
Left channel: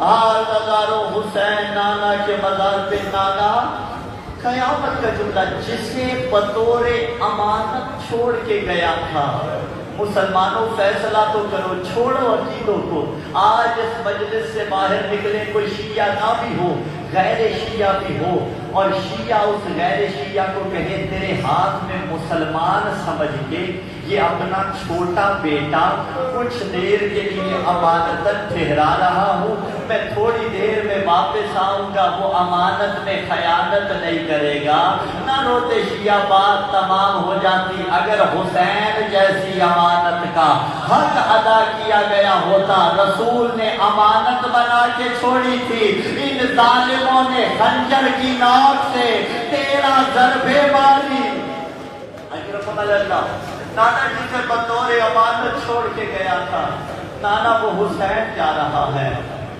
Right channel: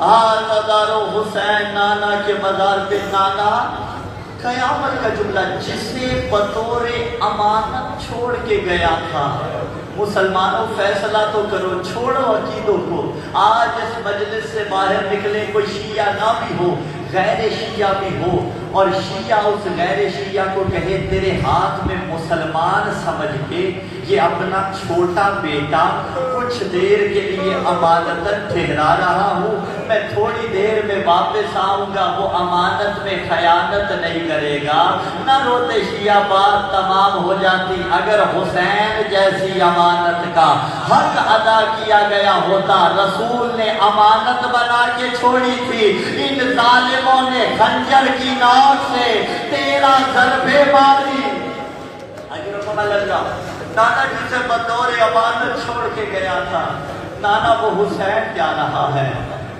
مزار حسین، نانا کے مزار پہ نانا، قیامت کا جملہ، جسے بطور امانت چھوڑ کے گیا تھا۔ مسلمانوں فیصلہ تو کرو، چھوڑو عقیدوں کو۔ آج اس مجلس سے باہر نکلے کوئی شیعہ نہ بھی ہو، غیر شیعہ بھی ہو، اور شیعہ اس غیر شیعہ کو کہے تیرے ہاتھ میں مسلمان سمجھ کے یہ اپنا چھوٹا بیٹا کچھ دیر کے لیے امانتن ٹھہرا رہا ہوں، میں تھوڑی دیر میں واپس آؤں گا، وہ امانت میں خیانت نہیں کرے گا، نہ روتے شیعہ بات تمام ہو جاتی اگر حسین جیسی امانت کا حق ادا کیا گیا ہوتا۔ رسول نے امانت بنا کے چھوڑی تھی، ان ظالموں نے خنجر کی نوک سے 13 ضربے ماری۔ نانا جسے بطور امانت چھوڑ کے گیا تھا، نانا وہ حسین جا رہا ہے،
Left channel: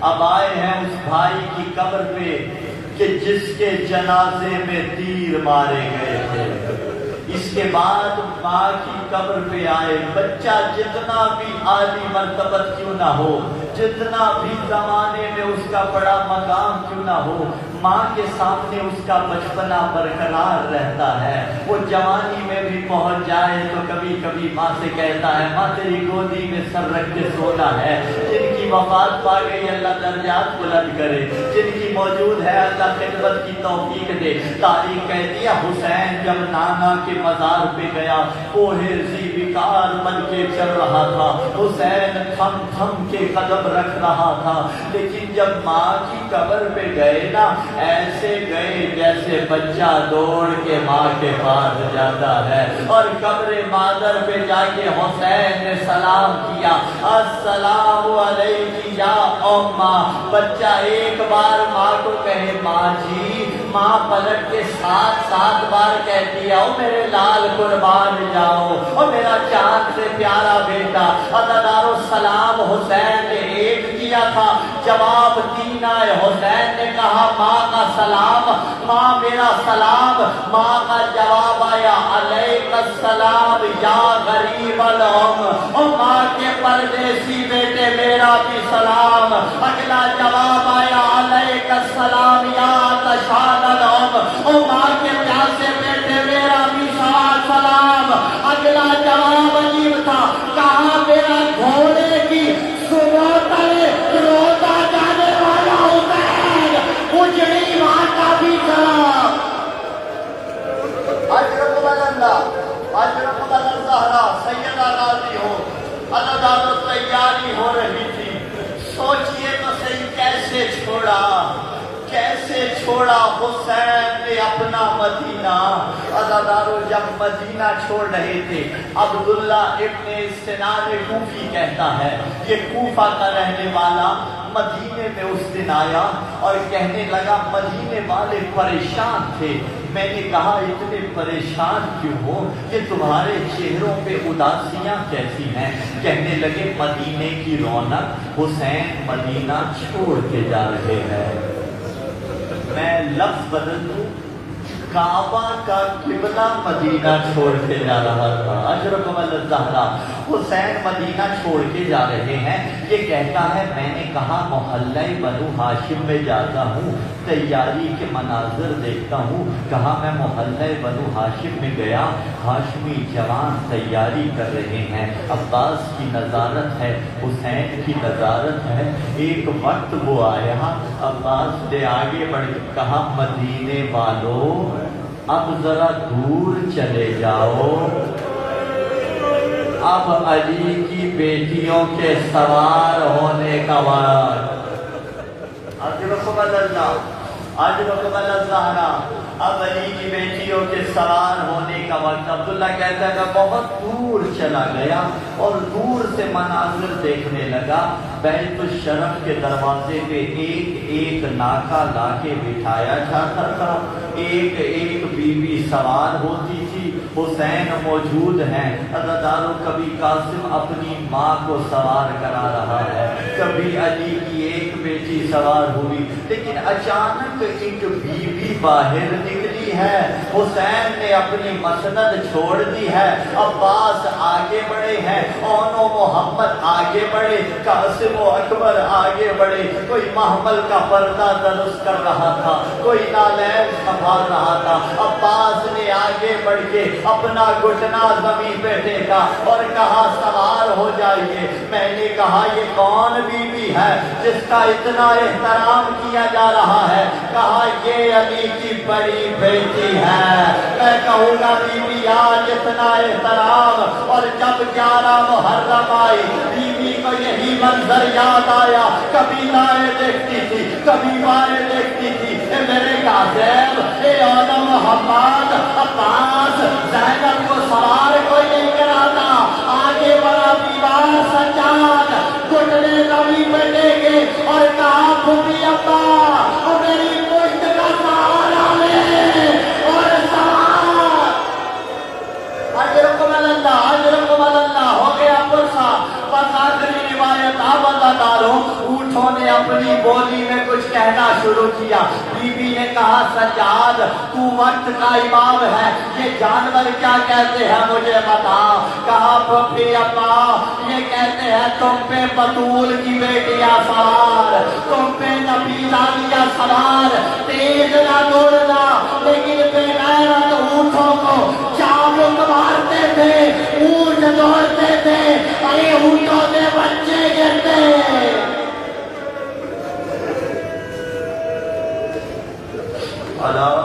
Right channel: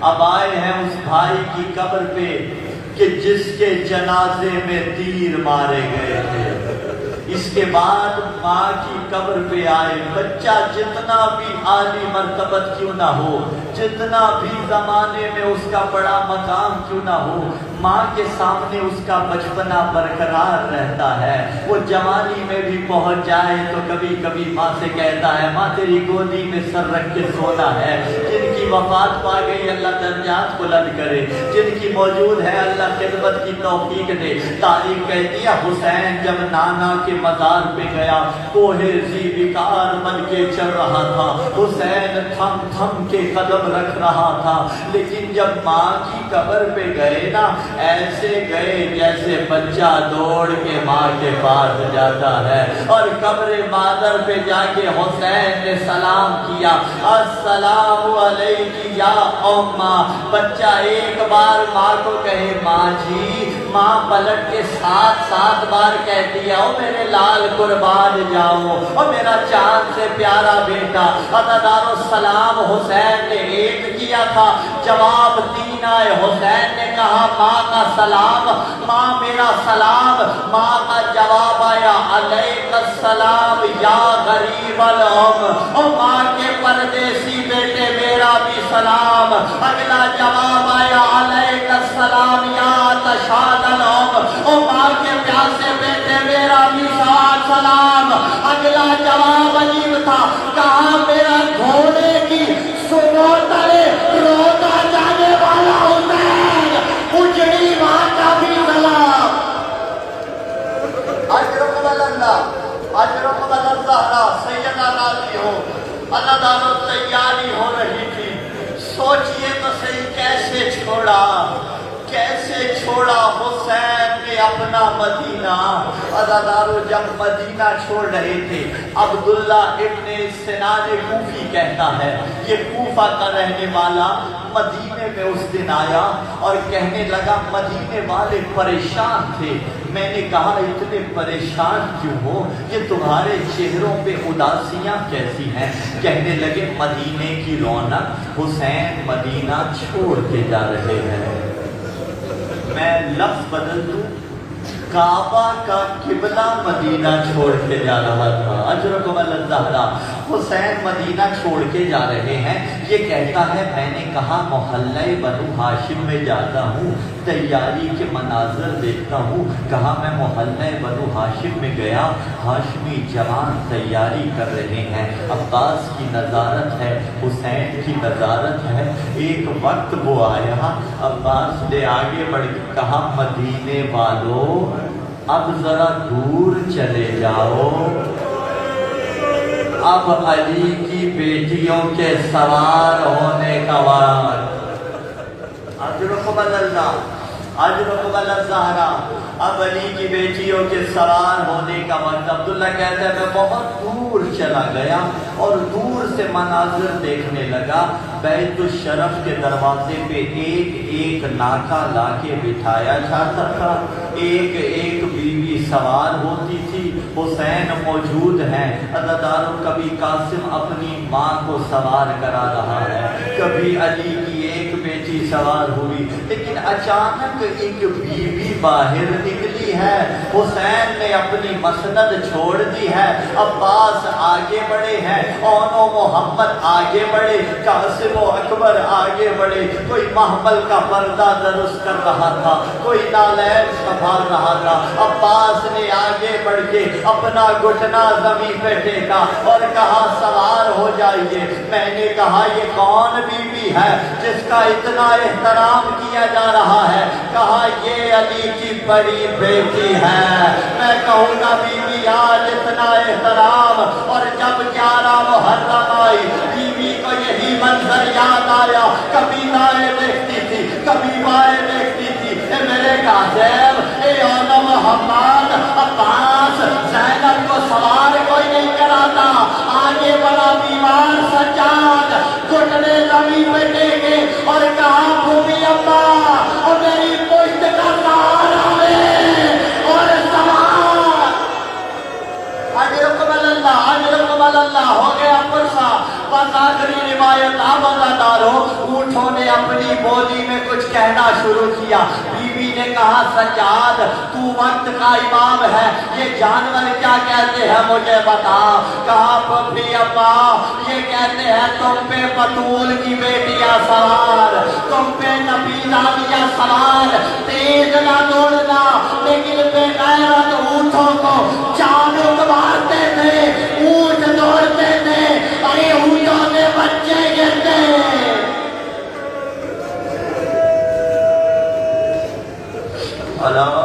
اب آئے ہیں اس بھائی کی قبر پہ کہ جس کے جنازے میں تیر مارے گئے تھے۔ اس کے بعد ماں کی قبر پہ آئے، بچہ جتنا بھی عالی مرتبت کیوں نہ ہو، جتنا بھی زمانے میں اس کا بڑا مقام کیوں نہ ہو، ماں کے سامنے اس کا بچپنا برقرار رہتا ہے۔ وہ جوانی میں بھی پہنچ جائے تو کبھی کبھی ماں سے کہتا ہے ماں تیری گودی میں سر رکھ کے سونا ہے۔ جن کی وفات پا گئی اللہ درجات بلند کرے، جن کی موجود ہے اللہ خدمت کی توفیق دے۔ تاریخ کہتی ہے حسین جب نانا کے مزار پہ گیا، کوہے زی وقار بن کے چل رہا تھا، حسین تھم تھم کے قدم رکھ رہا تھا، لیکن جب ماں کی قبر پہ گئے نا، ایسے گئے جیسے بچہ دوڑ کے ماں کے پاس جاتا ہے، اور قبر مادر پہ جا کے حسین نے سلام کیا، السلام علیکی یا اماں۔ بچہ ایک بار ماں کو کہے ماں جی، ماں پلٹ کے 7 بار کہتی ہے او میرے لال قربان جاؤ، او میرا چاند سے پیارا بیٹا۔ عزادارو سلام حسین نے ایک کیا تھا، جواب 3 آئے۔ حسین نے کہا ماں کا سلام، ماں میرا سلام، ماں کا جواب آیا علیک السلام یا غریب الام، او ماں کے پردیسی بیٹے میرا بھی سلام۔ اگلا جواب آیا علیک السلام یا تشاد الام، او ماں کے پیاسے بیٹے میرا بھی سلام۔ اگلا جواب عجیب تھا، کہا میرا گھوڑے کی سنو تلے روتا جانے والا حسین، اجڑی ماں کا بھی سلام۔ اجرکم اللہ سیدہ راضی ہو، اللہ دارو تیاری ہو رہی تھی۔ سوچئے تو صحیح کیسے چھوڑا حسین نے اپنا مدینہ۔ عزادارو جب مدینہ چھوڑ رہے تھے، عبداللہ ابن سنان کوفی کہتا ہے، یہ کوفہ کا رہنے والا مدینے میں اس دن آیا اور کہنے لگا مدینے والے پریشان تھے۔ میں نے کہا اتنے پریشان کیوں ہو، کہ تمہارے چہروں پہ اداسیاں کیسی ہیں؟ کہنے لگے مدینے کی رونق، حسین مدینہ چھوڑ کے جا رہے ہیں۔ میں لفظ بدل دوں، کعبہ کا قبلہ مدینہ چھوڑ کے جا رہا تھا۔ اجرکم اللہ، حسین مدینہ چھوڑ کے جا رہے ہیں۔ یہ کہتا ہے میں نے کہا محلہ بنو ہاشم میں جاتا ہوں، تیاری کے مناظر دیکھتا ہوں۔ کہا میں محلہ بنو ہاشم میں گیا، ہاشمی جوان تیاری کر رہے ہیں، عباس کی نظارت ہے، حسین کی نظارت ہے۔ ایک وقت وہ آیا، عباس نے آگے بڑھ کے کہا مدینے والوں اب ذرا دور چلے جاؤ، اب علی کی بیٹیوں کے سوار ہونے کا وقت۔ اجرکم اللہ، اب علی کی بیٹیوں کے سوار ہونے کا وقت۔ عبداللہ کہتا ہے میں بہت دور چلا گیا اور دور سے مناظر دیکھنے لگا۔ بیت الشرف کے دروازے پہ ایک ناکا لا کے بٹھایا جاتا تھا، ایک بیوی سوار ہوتی تھی، حسین موجود ہیں۔ عزادارو کبھی قاسم اپنی ماں کو سوار کرا رہا ہے، کبھی علی کی ایک بیٹی سوار ہوئی، لیکن اچانک ایک بیوی باہر نکلی ہے۔ حسین نے اپنی مسند چھوڑ دی ہے، عباس آگے بڑھے ہیں، اونو محمد آگے بڑھے، قاسم و اکبر آگے بڑھے، کوئی محمل کا پردہ درست کر رہا تھا، کوئی نالین سنبھال رہا تھا۔ عباس نے آگے بڑھ کے اپنا گھٹنا زمین پہ ٹیکا اور کہا سوار ہو جائیے. میں نے کہا یہ کون بی بی ہے جس کا اتنا احترام کیا جا رہا ہے؟ کہا یہ علی کی بڑی بیٹی ہے. میں کہوں گا بی بی آج اتنا احترام، اور جب 11 محرم آئی بیوی کو یہی منظر یاد آیا. کبھی دائیں دیکھتی تھی، کبھی بائیں دیکھتی تھی. اے میرے قاسم، اے عالم محمد، عباس، زینب کو سوار کوئی نہیں کراتا. آگے بڑا دیوار سجاد گھٹنے زمین پہ ٹیکے اور کہا پھوپھی ابا وہ میری پشت کا سہارا لے اور سوار. اجرکم اللہ، اجرکم اللہ. ہو گیا پرسا. بس آخری روایت آپ دارو اونٹوں نے اپنی بولی میں کچھ کہنا شروع کیا. بی بی نے کہا سجاد تو وقت کا امام ہے، یہ جانور کیا کہتے ہیں مجھے بتا. کہا پھوپھی ابا یہ کہتے ہیں تم پہ بطول کی بیٹیاں سوار، تم پہ نبیدانیاں سوار. تیز نہ دوڑنا لیکن بے غیرت اونٹوں کو چابک مارتے تھے، اونٹ دوڑتے تھے، ارے اونٹوں کے بچے گرتے. اللہ